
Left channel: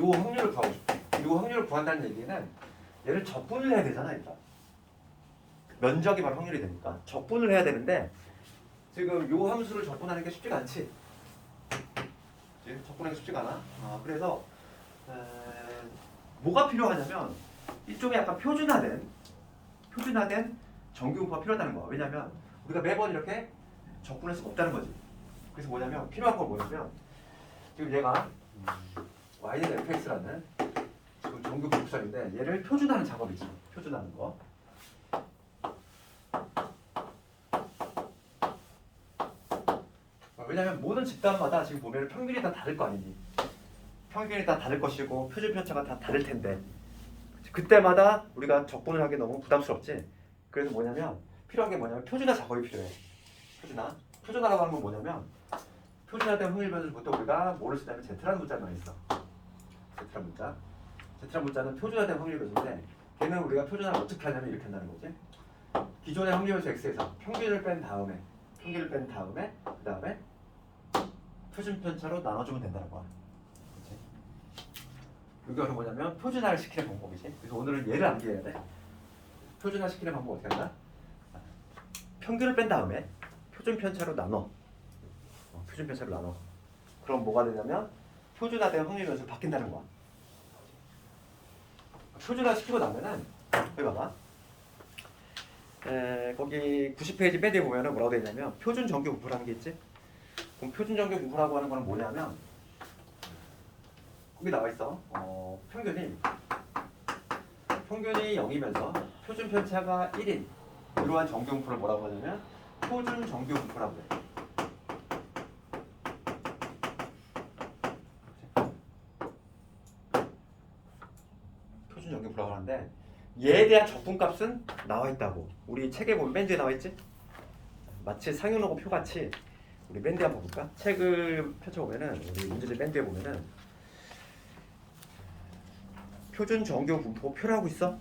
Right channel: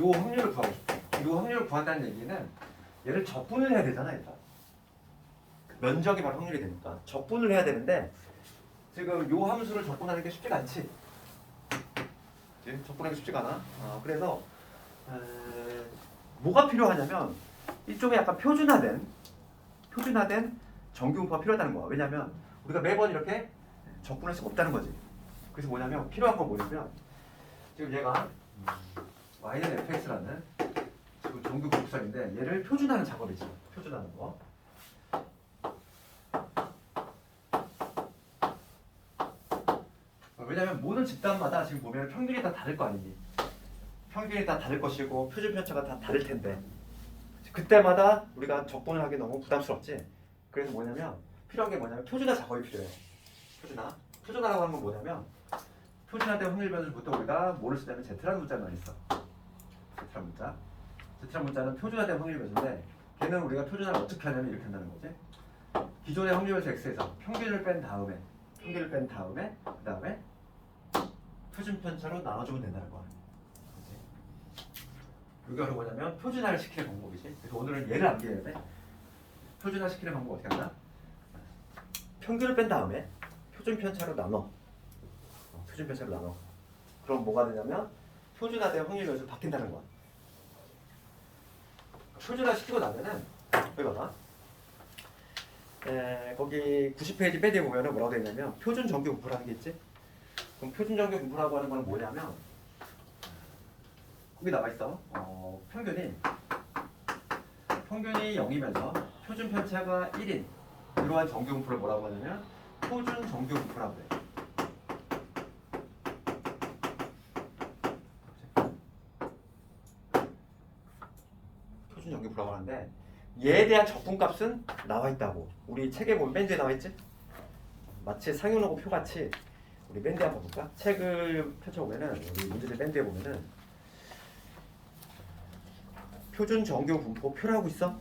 요 확률을 구하고 싶어. 요 확률을 구한다는 얘기는 얘를 적분을 해야 되잖아, 얘들아. 면적이 바로 확률이 되니까 적분을 해야 되는데 지금 요 함수를 적분하는 게 쉽지가 않지. 그치? 적분하기 쉽지가 않아. 그래서 뭐가 필요하냐면 이쪽에 약간 표준화된 정규분포가 필요하다는 거야. 왜냐면 우리가 매번 이렇게 적분할 수가 없다는 거지. 그래서 뭐냐면 필요한 건 뭐냐면 지금 얘가 y는 fx라는 지금 정규분포선인데 얘를 표준화하는 작업이지. 표준화하는 거. 왜냐면 모든 집단마다 지금 보면 평균이 다 다를 거 아니니. 평균이 다 다를 것이고 표준 편차가 다 다를 텐데 그때마다 우리가 적분을 하기 너무 부담스럽지. 그래서 뭐냐면 필요한 게 뭐냐면 표준화 작업이 필요해. 표준화라고 하는 건 뭐냐면 표준화된 확률 변수부터 우리가 뭐를 쓰냐면 Z라는 문자를 많이 써. Z라는 문자는 표준화된 확률 변수인데 걔는 우리가 표준화를 어떻게 하냐면 이렇게 한다는 거지. 기존의 확률 변수 X에서 평균을 뺀 다음에 그다음에 표준 편차로 나눠주면 된다는 거야. 그치? 이게 뭐냐면 표준화를 시키는 방법이지. 그래서 오늘은 얘를 암기해야 돼. 표준화 시키는 방법 어떻게 하나? 평균을 뺀 다음에 표준 편차로 나눠. 그럼 뭐가 되냐면 표준화된 확률 변수로 바뀐다는 거야. 표준화 시키고 나면은 여기 봐봐. 거기 90페이지 맨 뒤에 보면은 뭐라고 되어 있냐면 표준 정규 분포라는 게 있지. 그럼 표준 정규 분포라고 하는 거는 뭐냐면 거기 나와 있어. 평균이 0이면서 표준 편차가 1인 이러한 정규 분포를 뭐라고 하냐면 표준 정규 분포라고 해. 표준 정규 분포라고 하는데 얘에 대한 적분값은 나와 있다고. 우리 책에 보면 맨 뒤에 나와 있지? 마치 상용로고 표같이 우리 맨 뒤에 한번 볼까? 책을 펼쳐보면은 우리 문제집 맨 뒤에 보면은 표준 정규 분포 표라고 있어.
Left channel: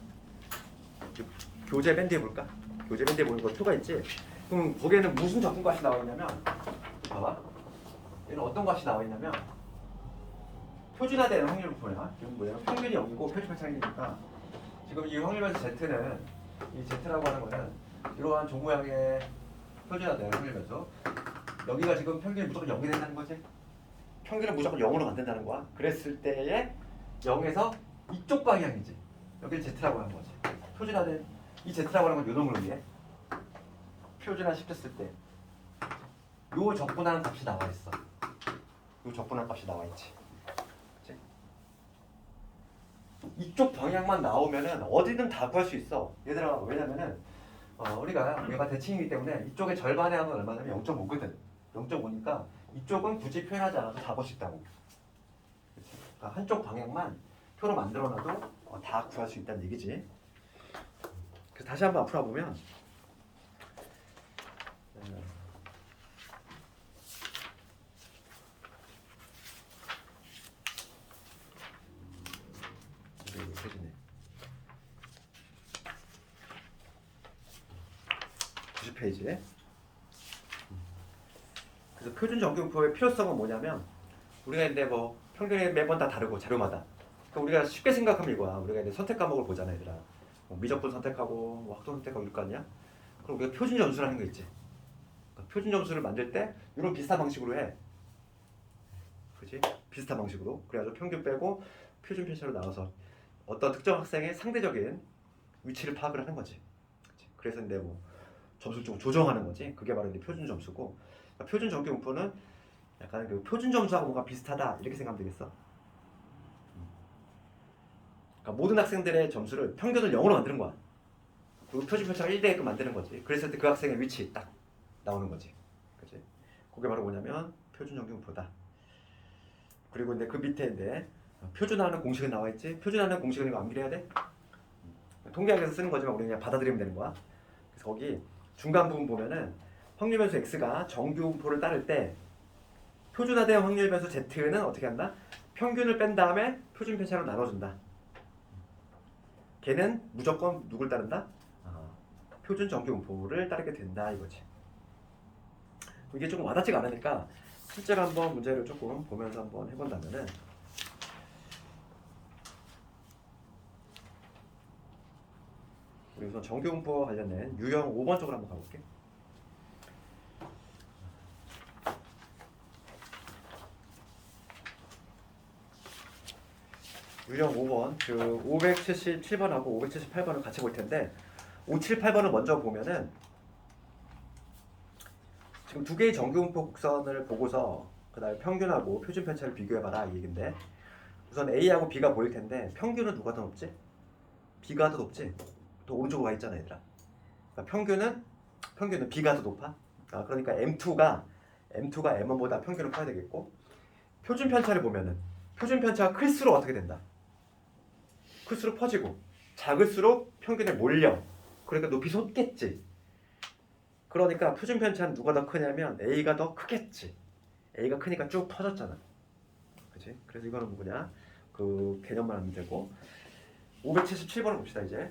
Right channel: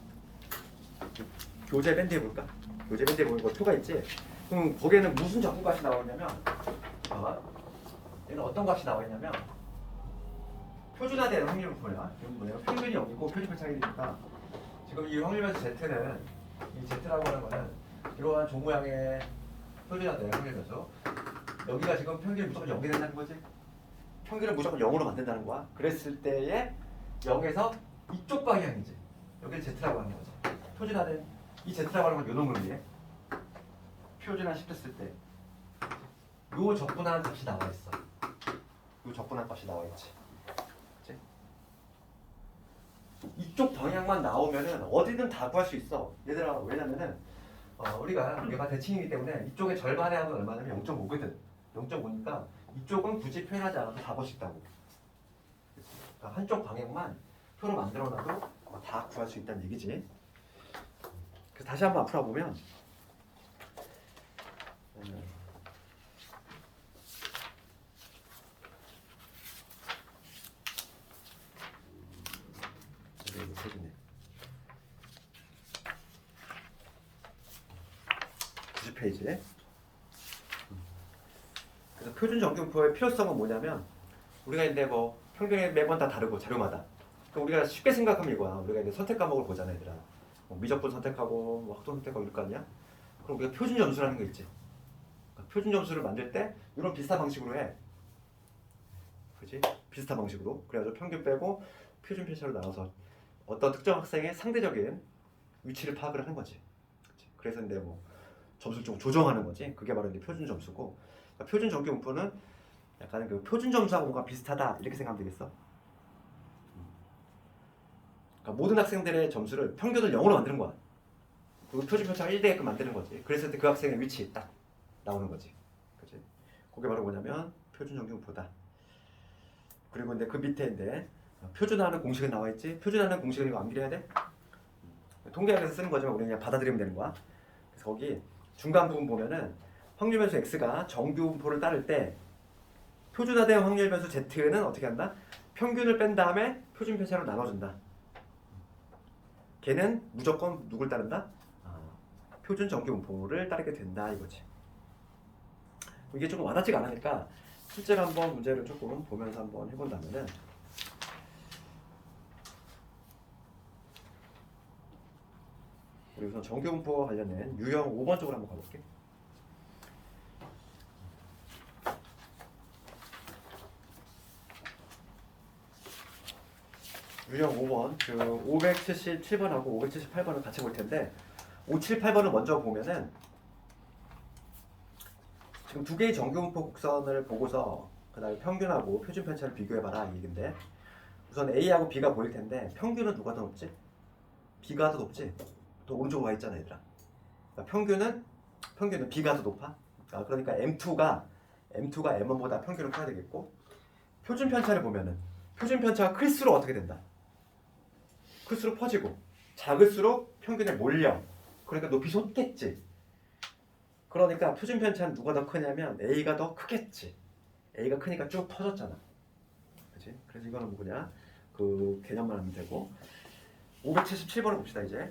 교재 맨 뒤에 볼까? 교재 맨 뒤에 보면 그 표가 있지? 그럼 거기에는 무슨 적분값이 나와 있냐면 봐봐. 얘는 어떤 값이 나와 있냐면 표준화된 확률 분포야. 이건 뭐야? 평균이 0이고 표준 편차가 1이니까 지금 이 확률변수 Z는 이 Z라고 하는 거는 이러한 종 모양의 표준화된 확률변수. 여기가 지금 평균이 무조건 0이 된다는 거지. 평균을 무조건 0으로 만든다는 거야. 그랬을 때에 0에서 이쪽 방향이지. 여기를 Z라고 하는 거지. 표준화된 이 Z라고 하는 건 요 놈을 위해 표준화 시켰을 때 요 적분하는 값이 나와 있어. 요 적분한 값이 나와 있지. 그치? 이쪽 방향만 나오면은 어디든 다 구할 수 있어. 얘들아, 왜냐면은 우리가 얘가 대칭이기 때문에 이쪽의 절반의 합은 얼마냐면 0.5거든. 0.5니까 이쪽은 굳이 표현하지 않아도 다 볼 수 있다고. 그러니까 한쪽 방향만 표로 만들어놔도 다 구할 수 있다는 얘기지. 그래서 다시 한번 앞으로 보면 표준에 90페이지에 그래서 표준 정규분포의 필요성은 뭐냐면 우리가 이제 뭐 평균이 매번 다 다르고 자료마다 그러니까 우리가 쉽게 생각하면 이거야. 우리가 이제 선택 과목을 보잖아, 얘들아. 미적분 선택하고 뭐 학종 선택하고 이럴 거 아니야? 그럼 우리가 표준 점수라는 거 있지. 그러니까 표준 점수를 만들 때 이런 비슷한 방식으로 해. 그렇지? 비슷한 방식으로. 그래가지고 평균 빼고 표준 편차로 나눠서 어떤 특정 학생의 상대적인 위치를 파악을 하는 거지. 그치? 그래서 이제 뭐 점수를 좀 조정하는 거지. 그게 바로 이제 표준 점수고. 그러니까 표준 정규 분포는 약간 그 표준 점수하고 뭔가 비슷하다 이렇게 생각하면 되겠어. 그러니까 모든 학생들의 점수를 평균을 0으로 만드는 거야. 그리고 표준 편차가 1되게끔 만드는 거지. 그랬을 때 그 학생의 위치 딱 나오는 거지. 그치? 그게 바로 뭐냐면 표준 정규 분포다. 그리고 이제 그 밑에 이제 표준화하는 공식이 나와 있지. 표준화하는 공식은 이거 암기해야 돼. 통계학에서 쓰는 거지만 우리는 그냥 받아들이면 되는 거야. 그래서 거기 중간 부분 보면은 확률 변수 x가 정규 분포를 따를 때 표준화된 확률 변수 Z는 어떻게 한다? 평균을 뺀 다음에 표준 편차로 나눠준다. 걔는 무조건 누굴 따른다? 표준 정규 분포를 따르게 된다 이거지. 이게 조금 와닿지가 않으니까 실제로 한번 문제를 조금 보면서 한번 해본다면은 우리 우선 정규 분포와 관련된 유형 5번 쪽으로 한번 가볼게. 유형 5번 그 577번하고 578번을 같이 볼 텐데 578번을 먼저 보면은 지금 두 개의 정규분포 곡선을 보고서 그 다음에 평균하고 표준 편차를 비교해봐라 이 얘긴데 우선 A하고 B가 보일 텐데 평균은 누가 더 높지? B가 더 높지? 또 오른쪽으로 가 있잖아 얘들아. 그러니까 평균은 B가 더 높아. 그러니까 M2가 M1보다 평균을 커야 되겠고 표준 편차를 보면은 표준 편차가 클수록 어떻게 된다? 클수록 퍼지고 작을수록 평균에 몰려. 그러니까 높이 솟겠지. 그러니까 표준 편차는 누가 더 크냐면 A가 더 크겠지. A가 크니까 쭉 퍼졌잖아. 그치? 그래서 이거는 뭐냐? 그 개념만 하면 되고 577번을 봅시다 이제.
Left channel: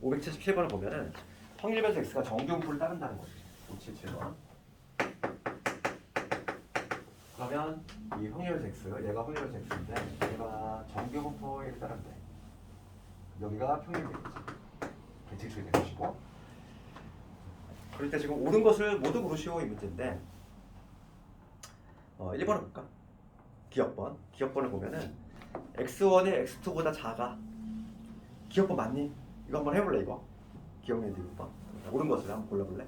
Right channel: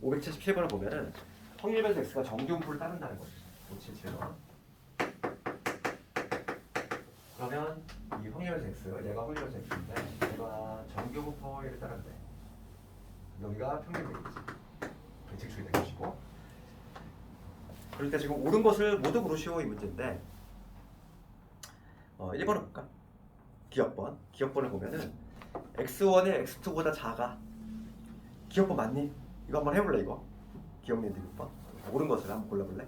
577번을 보면은 확률 변수 X가 정규분포를 따른다는 거지. 577번. 그러면 이 확률 변수 X, 얘가 확률 변수 X인데 얘가 정규분포에 따른대. 여기가 평균 되겠지. 대칭축이 되는 것이고. 그럴 때 지금 옳은 것을 모두 고르시오 이 문제인데 1번을 볼까? 기억번을 보면은 x1이 x2보다 작아. 기억번 맞니? 이거 한번 해볼래 이거? 기억력 디귿번 옳은 것을 한번 골라볼래?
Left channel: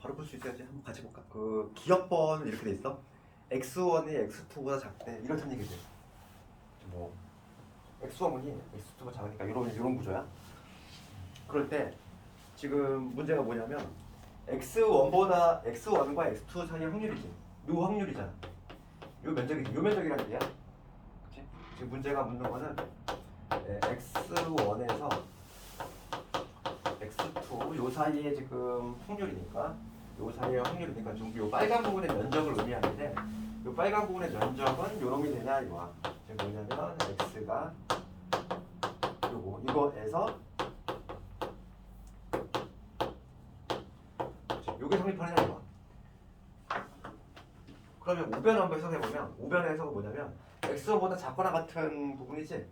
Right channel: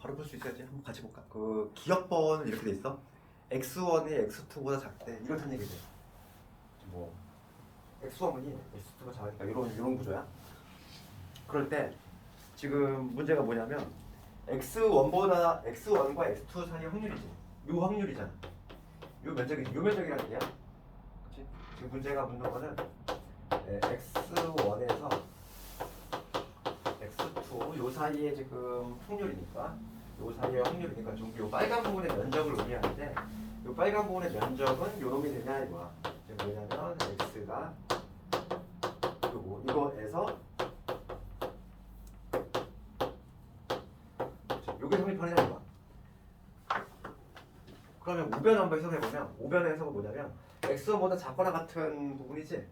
바로 볼 수 있어야지. 한번 같이 볼까? 그 기억번은 이렇게 돼 있어. x1이 x2보다 작대. 이렇다는 얘기지. 뭐 x1이 x2보다 작으니까 이런 구조야. 그럴 때 지금 문제가 뭐냐면 x1과 x2 사이의 확률이지. 요 확률이잖아. 요 면적이지. 요 면적이라는 얘기야. 그치? 지금 문제가 묻는 거는 x1에서 x2 요 사이에 지금 확률이니까 요 사이의 확률이니까 좀 요 빨간 부분의 면적을 의미하는데 요 빨간 부분의 면적은 요놈이 되냐 이거야. 지금 뭐냐면 x가 이거에서 요게 성립하느냐 이거야. 그러면 우변을 한번 해석해보면 우변의 해석은 뭐냐면 x1보다 작거나 같은 부분이지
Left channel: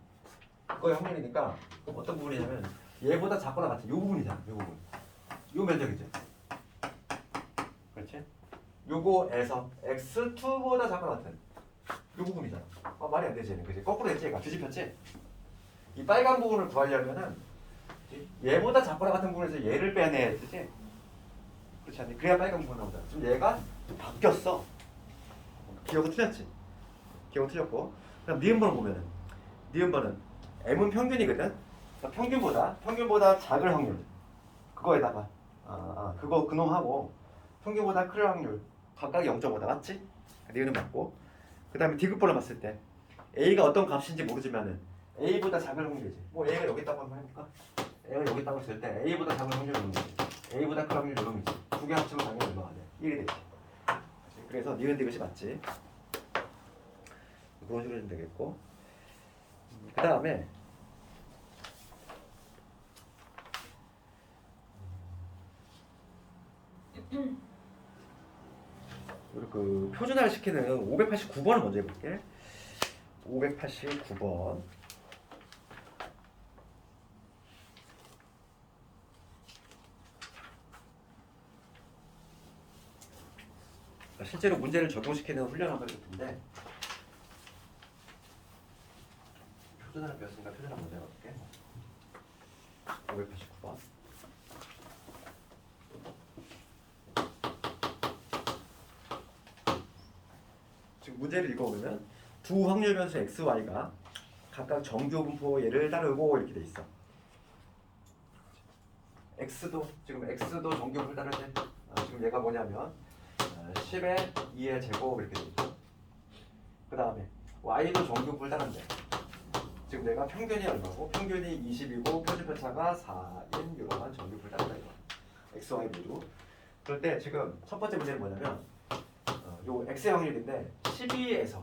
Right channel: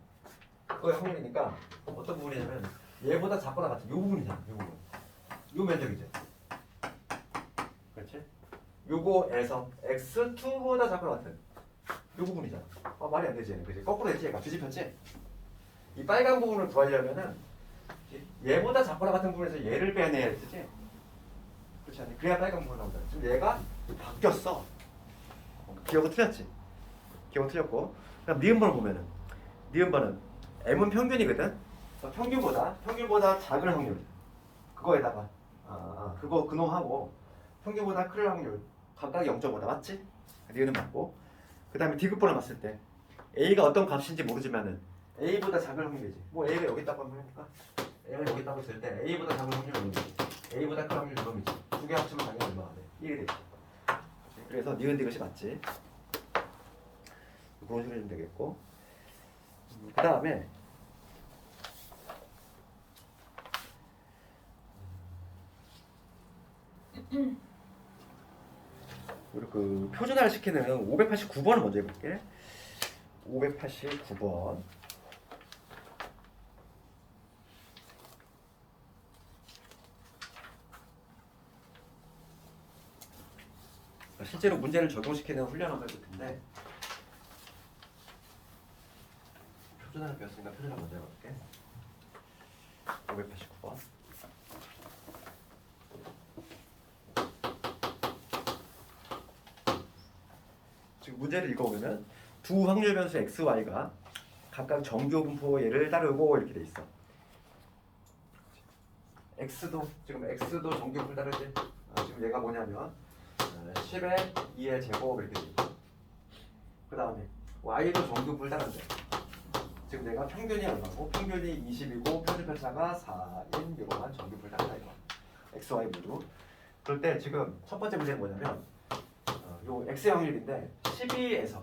그거의 확률이니까 어떤 부분이냐면 얘보다 작거나 같은 요 부분이잖아. 요 부분 요 면적이지. 그렇지? 요거에서 x2보다 작거나 같은 요 부분이잖아. 말이 안 되지. 그치? 거꾸로 했지. 얘가 뒤집혔지? 이 빨간 부분을 구하려면은 얘보다 작거나 같은 부분에서 얘를 빼내야 되지. 그렇지 않니? 그래야 빨간 부분 나오잖아. 지금 얘가 바뀌었어. 기억은 틀렸지. 기억은 틀렸고. 그럼 니은번을 보면은 니은번은 m은 평균이거든. 평균보다 작을 확률. 그거에다가 그거 그놈하고 평균보다 클 확률 각각 0.5다 맞지? 니은은 맞고. 그 다음에 디귿번을 봤을 때 a가 어떤 값인지 모르지만은 a보다 작을 확률이지. 뭐 a가 여기 있다고 한번 해볼까? a가 여기 있다고 했을 때 a보다 작은 확률 요놈이지. a보다 큰 확률 요놈이지. 두 개 합치면 당연히 얼마가 돼? 1이 되지. 그래서 니은 디귿이 맞지. 그런 식으로 해주면 되겠고. 그 다음에 우리 그 표준화를 시키는 589번을 먼저 해볼게. 589번. 실제로 문제를 적용시키는 훈련 한번 해볼 텐데, 표준화를 배웠으니까 표준화 먼저 해볼게. 589번. 지금 문제를 읽어보면 두 확률 변수 x, y가 각각 정규 분포 예를 따르고 이렇게 돼 있어. x도 지금 x도 정규 분포를 따르지. 지금 얘가 뭐냐면 10의 2의 제곱 이렇게 돼 있고, 그 다음에 y도 정규 분포를 따르는데 지금 내가 평균이 얼마고 평균이 20이고 표준 편차가 4인 이러한 정규 분포를 따른다 이거. x, y 모두. 그럴 때 지금 첫 번째 문제는 뭐냐면 요 x의 확률인데 12에서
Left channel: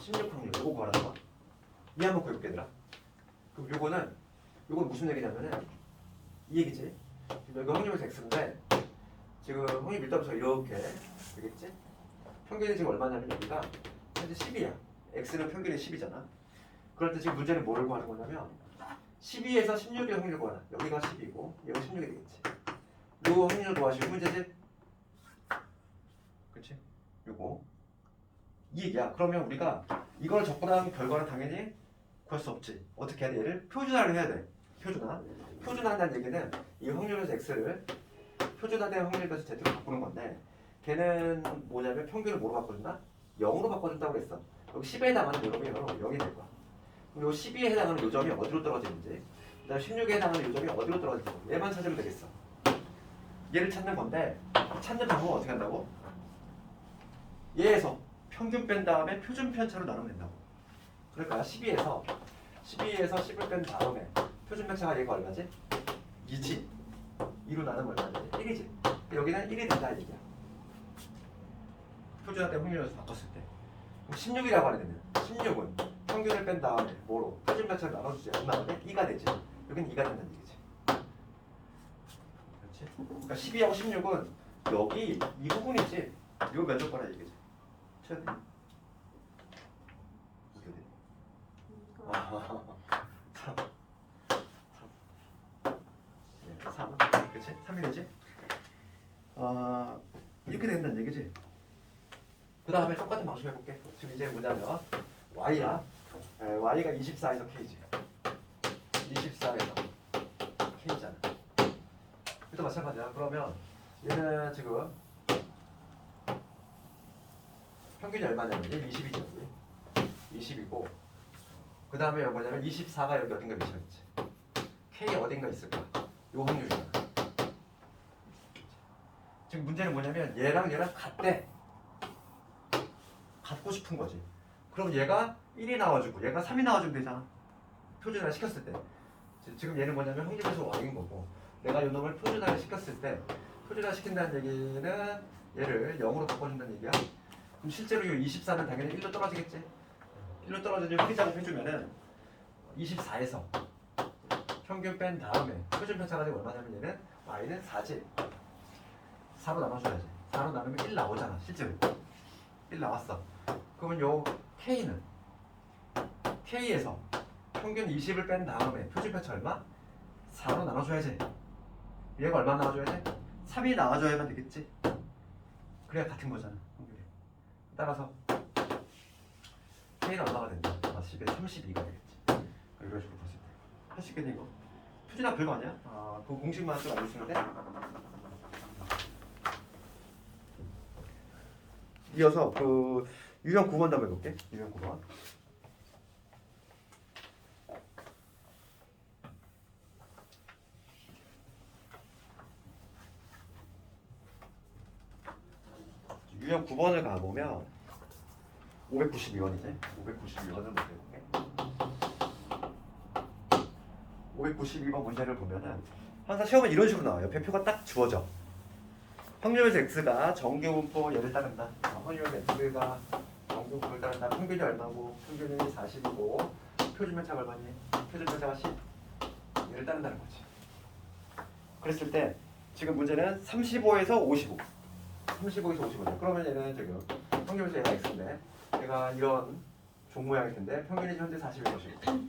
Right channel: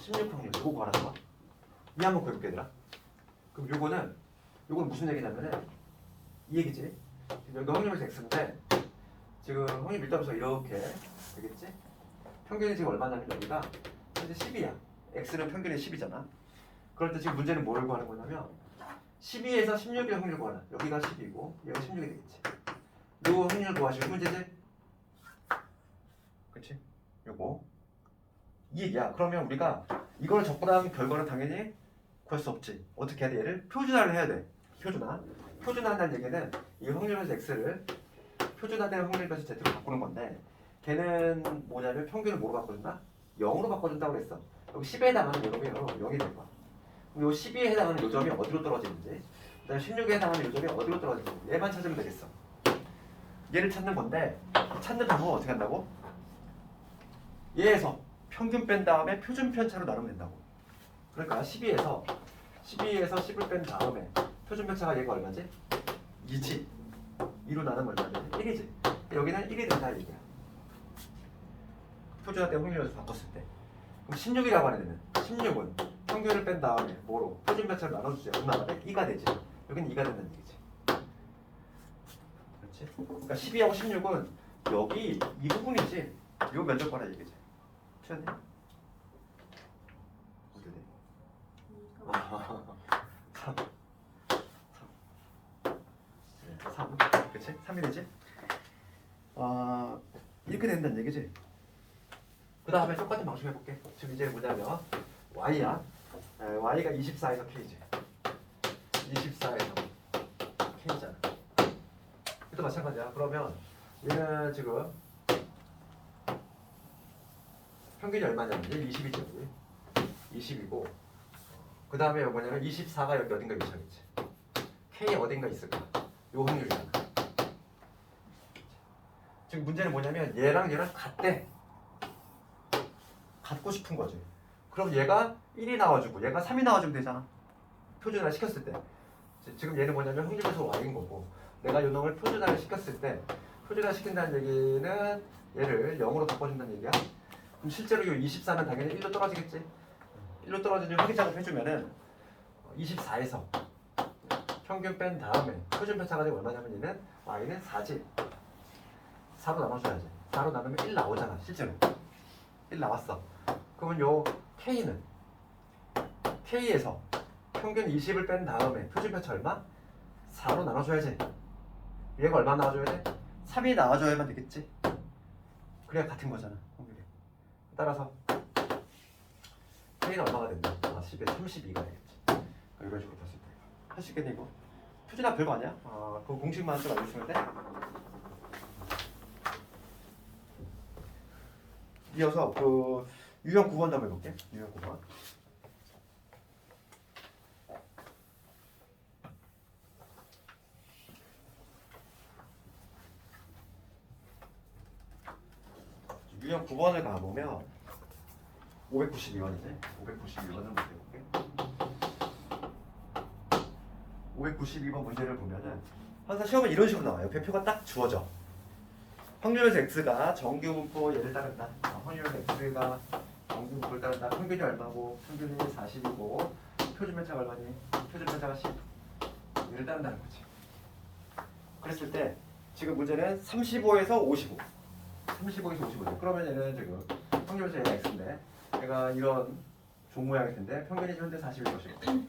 16 확률 요거 구하라는 거. 이 한번 구해볼게 얘들아. 그럼 요건 무슨 얘기냐면은 이 얘기지. 지금 여기 확률에서 x인데 지금 확률 밀도함수가 이렇게 되겠지? 평균이 지금 얼마냐면 여기가 현재 10이야. x는 평균이 10이잖아. 그럴 때 지금 문제는 뭐를 구하는 거냐면 12에서 16의 확률을 구하라. 여기가 10이고 여기가 16이 되겠지. 요 확률을 구하시면 문제지? 그치? 요거 이 얘기야. 그러면 우리가 이걸 적고 나면 결과는 당연히 구할 수 없지. 어떻게 해야 돼? 얘를 표준화를 해야 돼. 표준화한다는 얘기는 이 확률에서 x를 표준화된 확률에서 z로 바꾸는 건데, 걔는 뭐냐면 평균을 뭐로 바꿔준다? 0으로 바꿔준다고 그랬어. 여기 10에 해당하는 요점이 0이 될 거야. 그럼 요 12에 해당하는 요점이 어디로 떨어지는지, 그 다음에 16에 해당하는 요점이 어디로 떨어지는지 얘만 찾으면 되겠어. 얘를 찾는 건데, 찾는 방법은 어떻게 한다고? 얘에서 평균 뺀 다음에 표준 편차로 나누면 된다고. 그러니까 12에서 10을 뺀 다음에 표준 편차가 얘가 얼마지? 2지. 2로 나누면 얼마지? 1이지. 여기는 1이 된다 이 얘기야. 표준화된 확률에서 바꿨을 때. 그럼 16이라고 하는 데는 16은 평균을 뺀 다음에 뭐로? 표준 편차를 나눠주지. 얼마가 돼? 2가 되지. 여기는 2가 된다는 얘기지. 그렇지? 그러니까 12하고 16은 여기 이 부분이지. 요 면적과라 얘기지. 틀렸니? 어떻게 돼? 3. 그치? 3이 되지? 이렇게 된다는 얘기지. 그 다음에 똑같은 방식 해볼게. 지금 이제 뭐냐면 y야. y가 24에서 k지. 24에서 k잖아. 이것도 마찬가지야. 그러면 얘는 지금 평균이 얼마냐면 20이죠. 20이고 그 다음에 뭐냐면 24가 여기 어딘가 위치하겠지. k 어딘가 있을까? 요 확률이잖아. 지금 문제는 뭐냐면 얘랑 같대. 갖고 싶은 거지. 그럼 얘가 1이 나와주고 얘가 3이 나와주면 되잖아. 표준화 시켰을 때. 지금 얘는 뭐냐면 확률에서 y인 거고, 내가 요 놈을 표준화를 시켰을 때, 표준화 시킨다는 얘기는 얘를 0으로 바꿔준다는 얘기야. 그럼 실제로 요 24는 당연히 1로 떨어지겠지. 1로 떨어지는 회전을 해주면은 24에서 평균 뺀 다음에 표준 편차가 되면 얼마냐면 얘는 y는 4지. 4로 나눠줘야지. 4로 나누면 1 나오잖아. 실제로 1 나왔어. 그러면 요 K에서 평균 20을 뺀 다음에 표준 편차 얼마? 4로 나눠줘야지. 얘가 얼마 나와줘야지? 3이 나와줘야만 되겠지. 그래야 같은 거잖아. 확률이. 따라서 K는 얼마가 된다? 10에 32가 되겠지. 이런 식으로 봤을 때. 할 수 있겠니 이거? 표준화 별거 아니야? 그 공식만 좀 알려주면 돼? 이어서 그 유형 9번 한번 해볼게. 유형 9번. 유형 9번을 가보면 592번이네. 592번을 볼게. 592번 문제를 보면은 항상 시험은 이런 식으로 나와요. 배표가 딱 주어져. 확률에서 x가 정규 분포 얘를 따른다. 확률에서 x가 정규 분포를 따른다. 평균이 얼마고 평균이 40이고 표준 편차가 얼마니? 표준 편차가 10. 얘를 따른다는 거지. 그랬을 때 지금 문제는 35에서 55. 35에서 55죠. 그러면 얘는 지금 확률에서 얘가 x인데 얘가 이런 종 모양일 텐데 평균이 현재 40일 것이고. 지금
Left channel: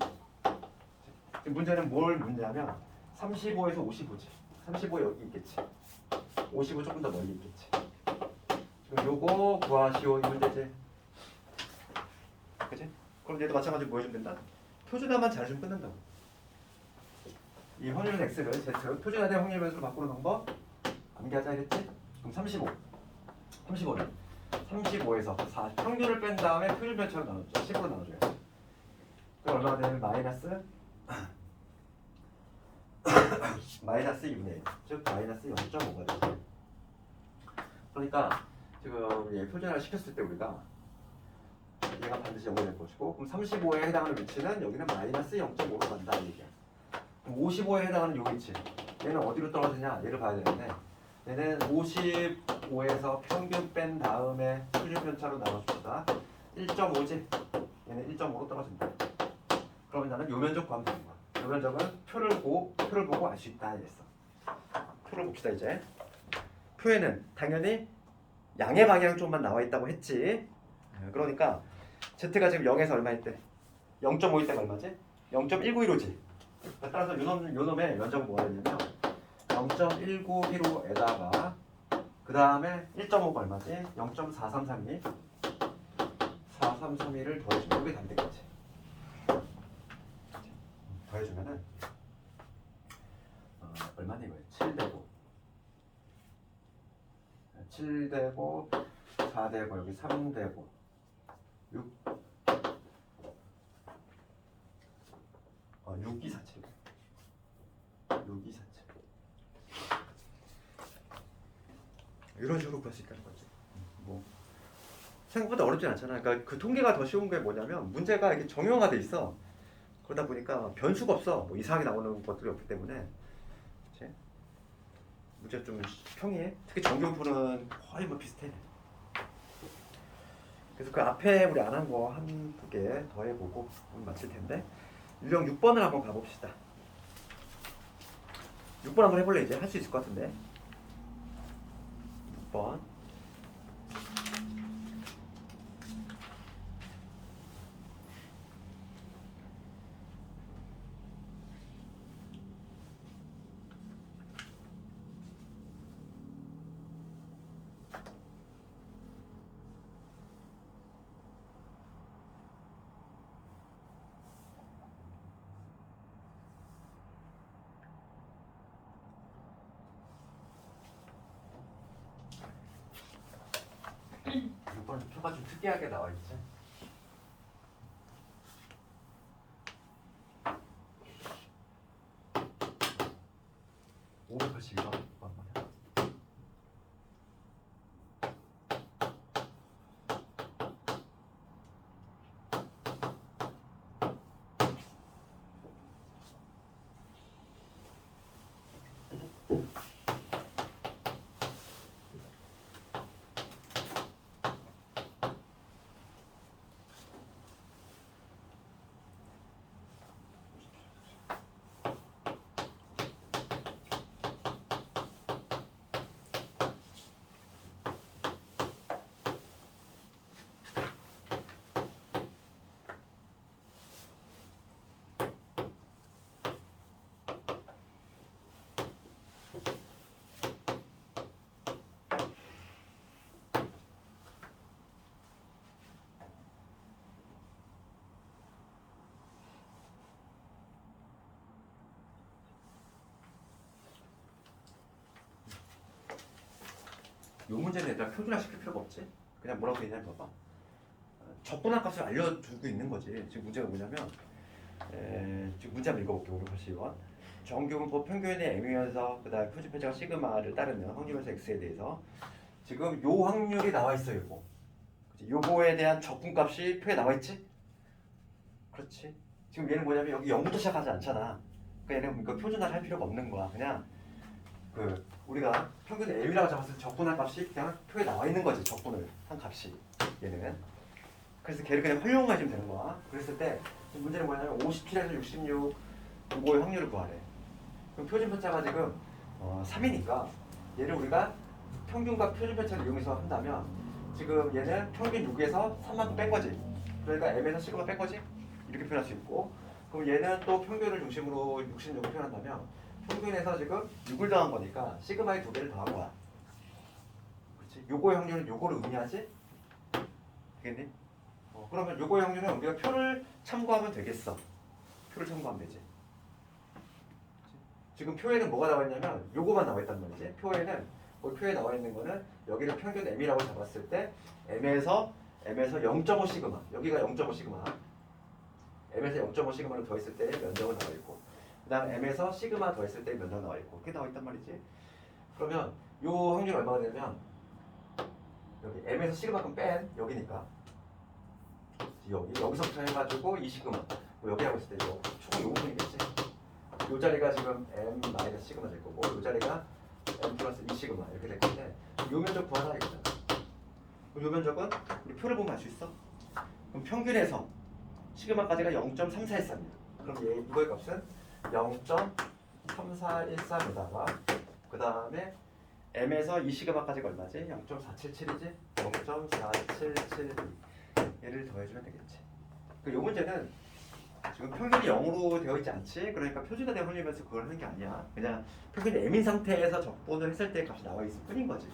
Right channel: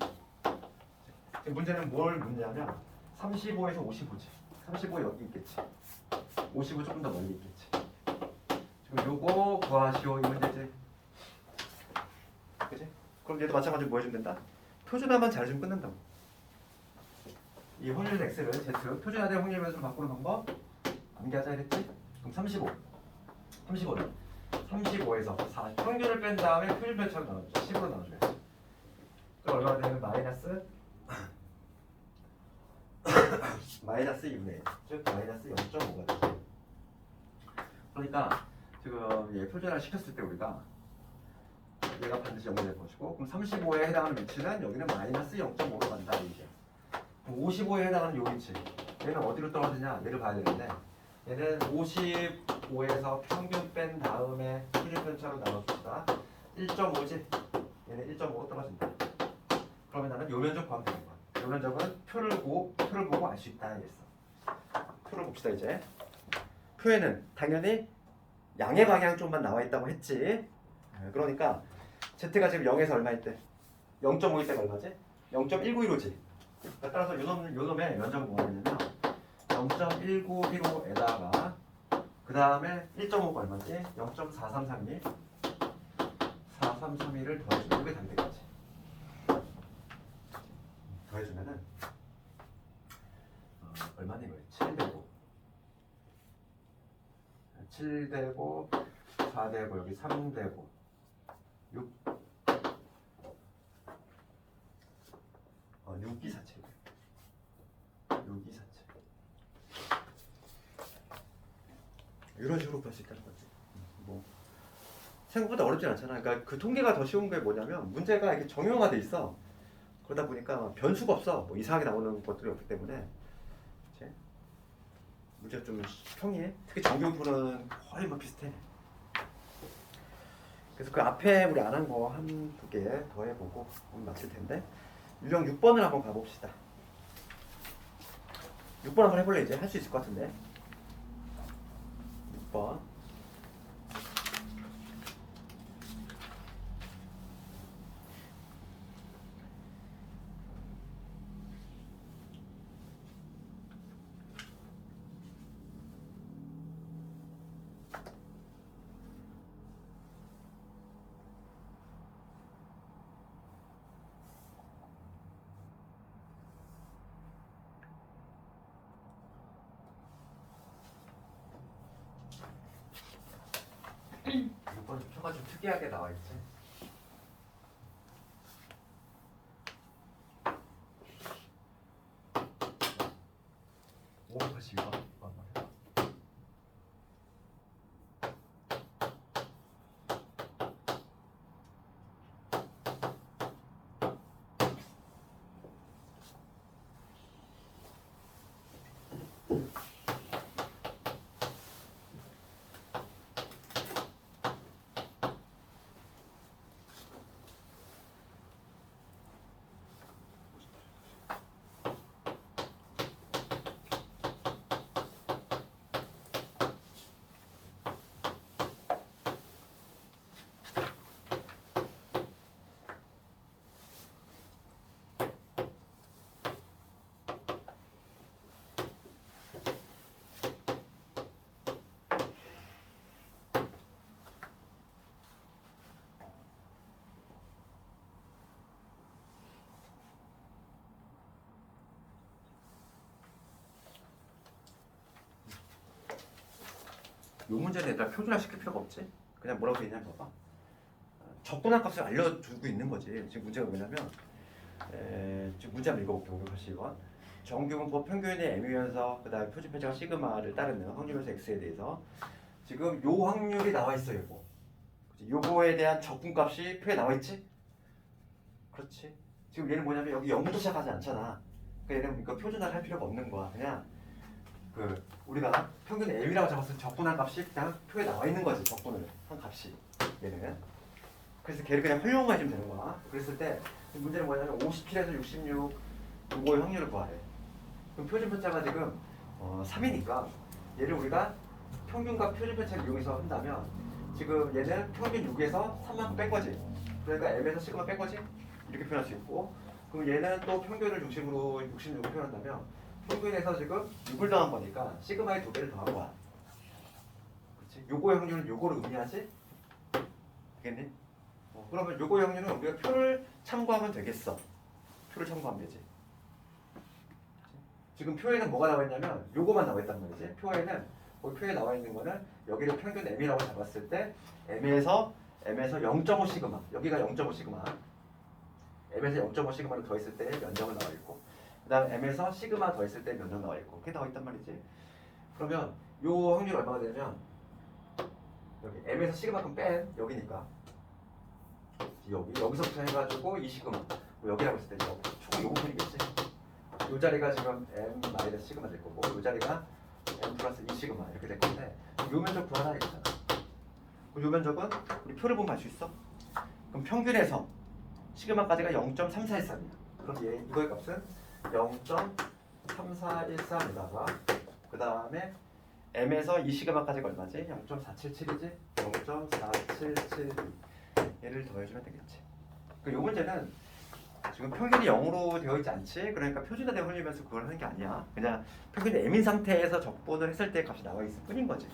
문제는 뭘 문제냐면 35에서 55지. 35 여기 있겠지. 55 조금 더 멀리 있겠지. 지금 요거 구하시오 이 문제지. 그치? 그럼 얘도 마찬가지로 뭐 해주면 된다? 표준화만 잘해주면 끝난다고. 이 확률 x를 z 표준화된 확률 변수로 바꾸는 방법 암기하자 했지? 그럼 35 35는 35에서 4 평균을 뺀 다음에 표준 변수로 나눠줘 10으로 나눠줘요. 그럼 얼마나 되냐면 마이너스 6네. 즉 마이너스 0.5가 되죠. 그러니까 지금 얘 표준화 시켰을 때 우리가 얘가 반드시 0이 될 것이고 그럼 35에 해당하는 위치는 여기는 마이너스 0.5로 간다 이게. 55에 해당하는 요 위치 얘는 어디로 떨어지냐 얘를 봐야 되는데 얘는 55에서 평균 뺀 다음에 표준 편차로 나눠줍시다. 1.5지 얘는 1.5로 떨어진다. 그러면 나는 요 면적 구하면 되는 거야. 요 면적은 표를 보고 알 수 있다 이랬어. 표를 봅시다 이제. 표에는 당연히 양의 방향 쪽만 나와 있다고 했지. 그러니까 z가 지금 0에서 얼마 있대? 0.5일 때가 얼마지? 0.191호지. 따라서 요놈의 면적은 뭐가 되냐면 0.191호에다가 그 다음에 1.5가 얼마지? 0.4332 4332를 더해주면 이게 답이 되겠지. 더해주면은 얼마니 이거? 7되고 4되고 여기 3되고 6 6247 6247 이런 식으로 구할 수 있다는 거지. 뭐 생각보다 어렵진 않잖아. 그러니까 그 통계가 더 쉬운 게 뭐냐면 문제가 이렇게 정형화가 돼 있어. 그러다 보니까 변수가 없어. 뭐 이상하게 나오는 것들이 없기 때문에 그치? 문제가 좀 평이해. 특히 정규분은 거의 뭐 비슷해. 그래서 그 앞에 우리 안 한 거 한두 개 더 해보고 오늘 마칠 텐데 유형 6번을 한번 가봅시다. 6번 한번 해볼래? 이제 할 수 있을 것 같은데 6번 표가 좀 특이하게 나와 있지. 582번. 요 문제는 얘들아 표준화 시킬 필요가 없지. 그냥 뭐라고 되냐면 봐봐. 적분할 값을 알려주고 있는 거지. 지금 문제가 뭐냐면 지금 문제 한번 읽어볼게. 582번. 정규분법 평균의 m이면서 그 다음에 표준 편차가 시그마를 따르는 확률면서 x에 대해서 지금 요 확률이 나와 있어 요거. 그치? 요거에 대한 적분값이 표에 나와 있지? 그렇지. 지금 얘는 뭐냐면 여기 0부터 시작하지 않잖아. 그러니까 얘는 이거 표준화를 할 필요가 없는 거야. 그냥 우리가 평균 m이라고 잡았을 때 적분한 값이 그냥 표에 나와 있는 거지. 적분을 한 값이 얘는. 그래서 걔를 그냥 활용만 해주면 되는 거야. 그랬을 때 문제는 뭐냐면 57에서 66 요거의 확률을 구하래. 그럼 표준 편차가 지금 3이니까 얘를 우리가 평균과 표준 편차를 이용해서 한다면 지금 얘는 평균 6에서 3만큼 뺀 거지. 그러니까 m에서 시그마 뺀 거지. 이렇게 표현할 수 있고, 그럼 얘는 또 평균을 중심으로 66을 표현한다면 평균에서 지금 6을 더한 거니까 시그마의 2배를 더한 거야. 그렇지? 요거의 확률은 요거를 의미하지? 되겠니? 그러면 요거의 확률은 우리가 표를 참고하면 되겠어. 표를 참고하면 되지. 지금 표에는 뭐가 나와 있냐면 요거만 나와 있단 말이지. 표에는 표에 나와 있는 거는 여기를 평균 m이라고 잡았을 때 m에서 0.5 시그마, 여기가 0.5 시그마, m에서 0.5 시그마를 더했을 때 면적은 나와 있고, 그다음 m에서 시그마 더했을 때 면적 나와 있고, 그게 나와 있단 말이지. 그러면 요 확률 얼마가 되면 여기 m에서 시그마큼 뺀 여기니까 여기서부터 해가지고 이 시그마 여기라고 했을 때 총은 요거뿐이겠지. 요 자리가 지금 m 마이너스 시그마 될 거고, 요 자리가 m 플러스 2 시그마 이렇게 될 건데, 요 면적 구하라 이거잖아. 요 면적은 우리 표를 보면 알 수 있어. 그럼 평균에서 시그마까지가 0.3413이야. 그럼 이거의 값은 0.3413에다가 그 다음에 m에서 이 시그마까지가 얼마지? 0.477이지? 0.4772 얘를 더해주면 되겠지. 이 문제는 지금 평균이 0으로 되어 있지 않지? 그러니까 표준화되어 흘리면서 그걸 하는 게 아니야. 그냥 평균이 m인 상태에서 적분을 했을 때 값이 나와 있을 뿐인 거지.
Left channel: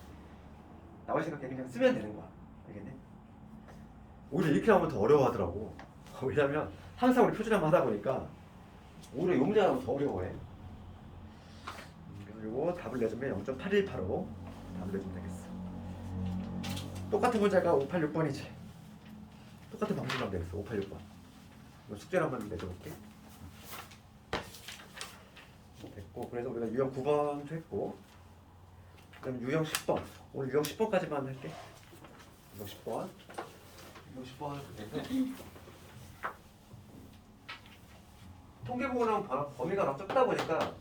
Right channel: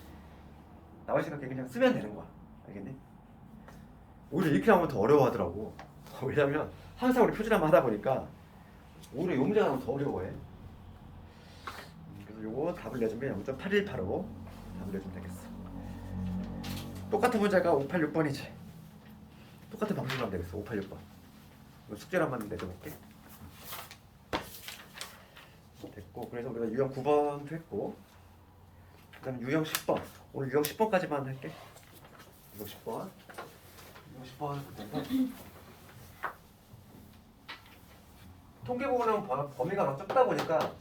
나와 있으니까 그냥 쓰면 되는 거야. 알겠니? 오히려 이렇게 나오면 더 어려워하더라고. 왜냐면 항상 우리 표준화만 하다 보니까 오히려 이 문제가 나오면 더 어려워해. 그래서 요거 답을 내주면 0.8185 답을 내주면 되겠어. 똑같은 문제가 586번이지. 똑같은 방식으로 하면 되겠어. 586번. 숙제를 한번 내줘볼게. 됐고, 그래서 우리가 유형 9번도 했고, 그 다음에 유형 10번. 오늘 유형 10번까지만 할게. 유형 10번. 유형 10번을 볼 텐데, 통계 부분은 범위가 너무 적다 보니까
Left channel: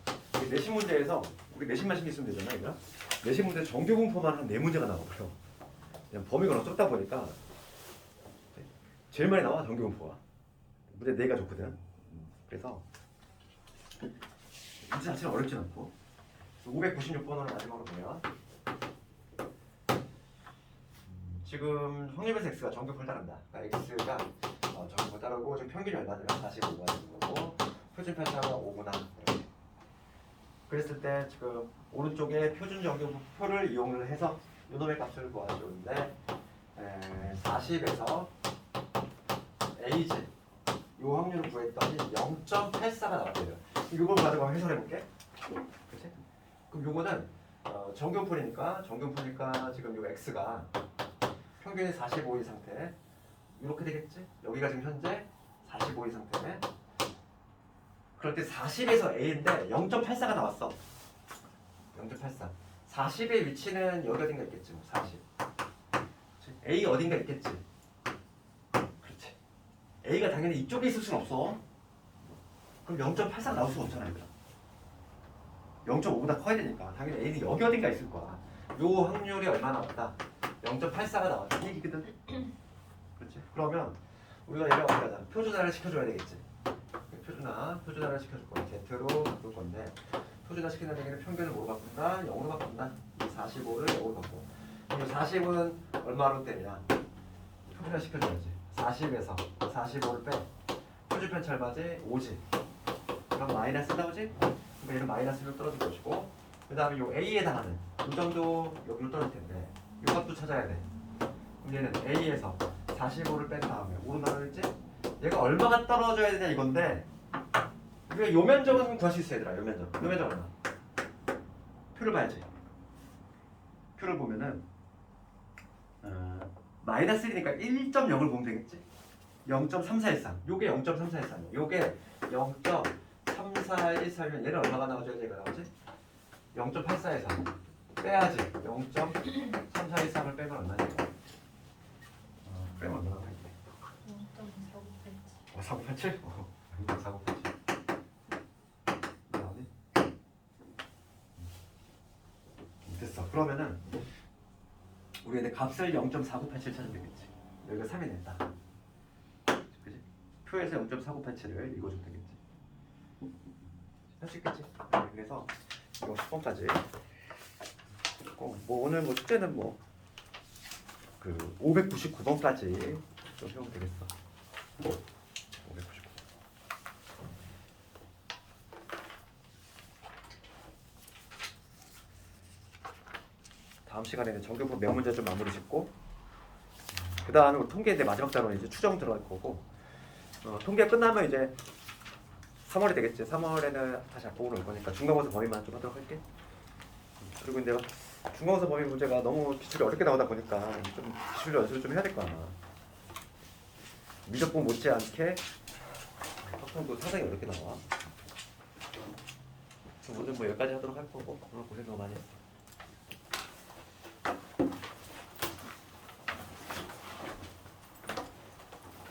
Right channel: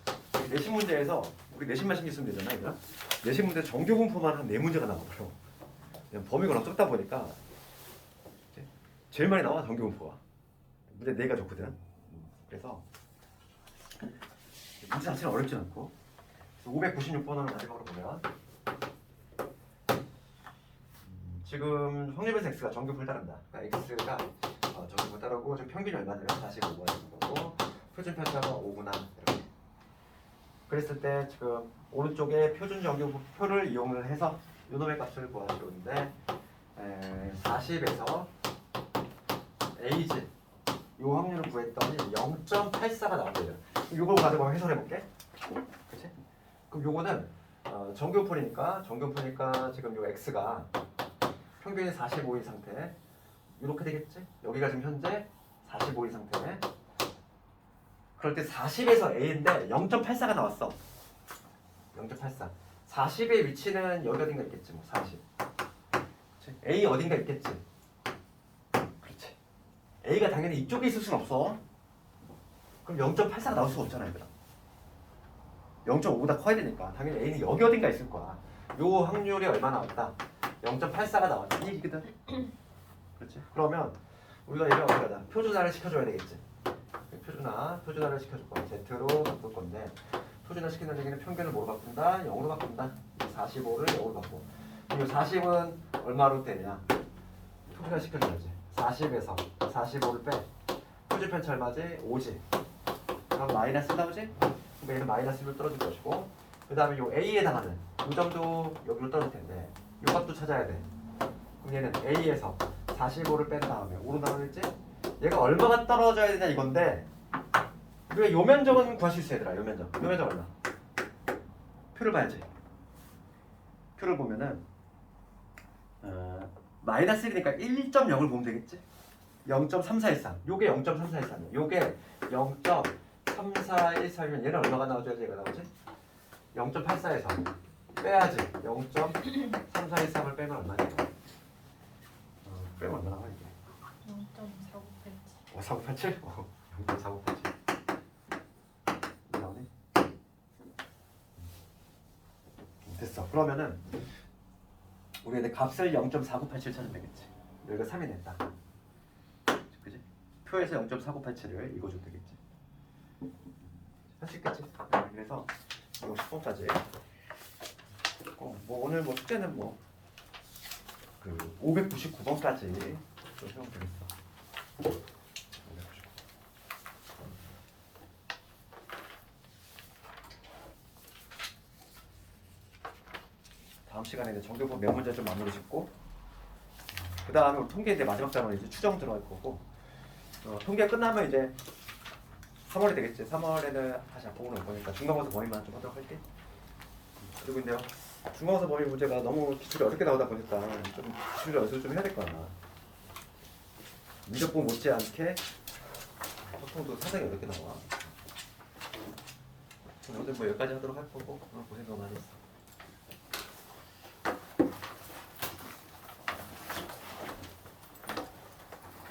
내신 문제에서 우리 내신만 신경 쓰면 되잖아. 그냥 내신 문제 정규 분포만 한 4문제가 나와버려. 그냥 범위가 너무 적다 보니까 제일 많이 나와 정규 분포가. 문제 4가 좋거든. 그래서 문제 자체는 어렵지 않고 596번으로 마지막으로 보면 지금 확률배수 x가 정규분을 따른다. 그러니까 x가 정규분을 따르고 지금 평균이 얼마냐면 45가 되는 거고 표준 편차가 5구나 이렇게. 그랬을 때 지금 오른쪽에 표준 정규표를 이용을 해서 요놈의 값을 구하시는데 40에서 az 요 확률을 구했더니 0.84가 나왔대요. 이걸 가지고 해설해 볼게. 그렇지? 그럼 요거는 정규분이니까 지금 요 x가 평균이 45인 상태 이렇게 되겠지? 여기가 지금 현재 45인 상태네. 그럴 때 40에서 a인데 0.84가 나왔어. 0.84. 40의 위치는 여기 어딘가 있겠지. 뭐 40. 그치? a 어딘가 있겠지. 그렇지. a가 당연히 이쪽에 있을 순 없어. 그럼 0.84가 나올 수가 없잖아. 얘들아. 0.5보다 커야 되니까 당연히 a는 여기 어딘가 있을 거야. 요 확률이 얼마 나왔다? 0.84가 나왔더니 이거든. 그렇지? 그러면 우리가 얘를 어떻게 하자? 표준화를 시켜줘야 되겠지. 표준화를 시켜줄 거야. Z로 바꿀 건데 표준화 시킨다는 얘기는 평균을 뭐로 바꾼다? 0으로 바꾼다. 45를 0으로 바꿔. 이 40은 얼마로 되냐? 표준화 시켜줘야지. 40에서 45를 빼. 표준 편차 얼마지? 5지. 그럼 마이너스 나오지? 근데 얘는 마이너스로 떨어질 것이고 그 다음에 요 A에 해당하는 이 정도 여기로 떨어질 텐데 이 값도 찾아야 돼. 그럼 얘는 A에서 45를 뺀 다음에 5로 나눠있지? 얘가 얼마가 떨어져야 되냐 이건데 우리가 요 면적은 구할 수 있어 얘들아. 요 면적 얼마? 표를 봐야지. 표를 보면은 마이너스 1이니까 1.0을 보면 되겠지? 0.3413 요게 0.3413이야. 요게 0.3413이면 얘는 얼마가 나와줘야지 얘가 나오지? 0.84에서 빼야지. 0.3413을 빼면 얼마냐? 빼면 얼마나 나와? 0.4987. 4987? 0.4987. 나오니? 됐어. 그러면은 우리가 이제 값을 0.4987 찾으면 되겠지. 여기가 3이 냈다. 그지? 표에서 0.4987을 읽어주면 되겠지. 할 수 있겠지? 그래서 이거 10번까지. 뭐 오늘 뭐 숙제는 뭐 그 599번까지 해오면 되겠어. 599. 다음 시간에는 정규부 몇 문제 좀 마무리 짓고, 그 다음은 통계 이제 마지막 단원 이제 추정 들어갈 거고, 통계 끝나면 이제 3월이 되겠지. 3월에는 다시 앞으로 올 거니까 중간고사 범위만 좀 하도록 할게. 그리고 이제 중간고사 범위 문제가 너무 기출이 어렵게 나오다 보니까 좀 기출 연습을 좀 해야 될 거야. 미적분 못지않게 확통도 상당히 어렵게 나와. 오늘 뭐 여기까지 하도록 할 거고, 오늘 고생 너무 많이 했어.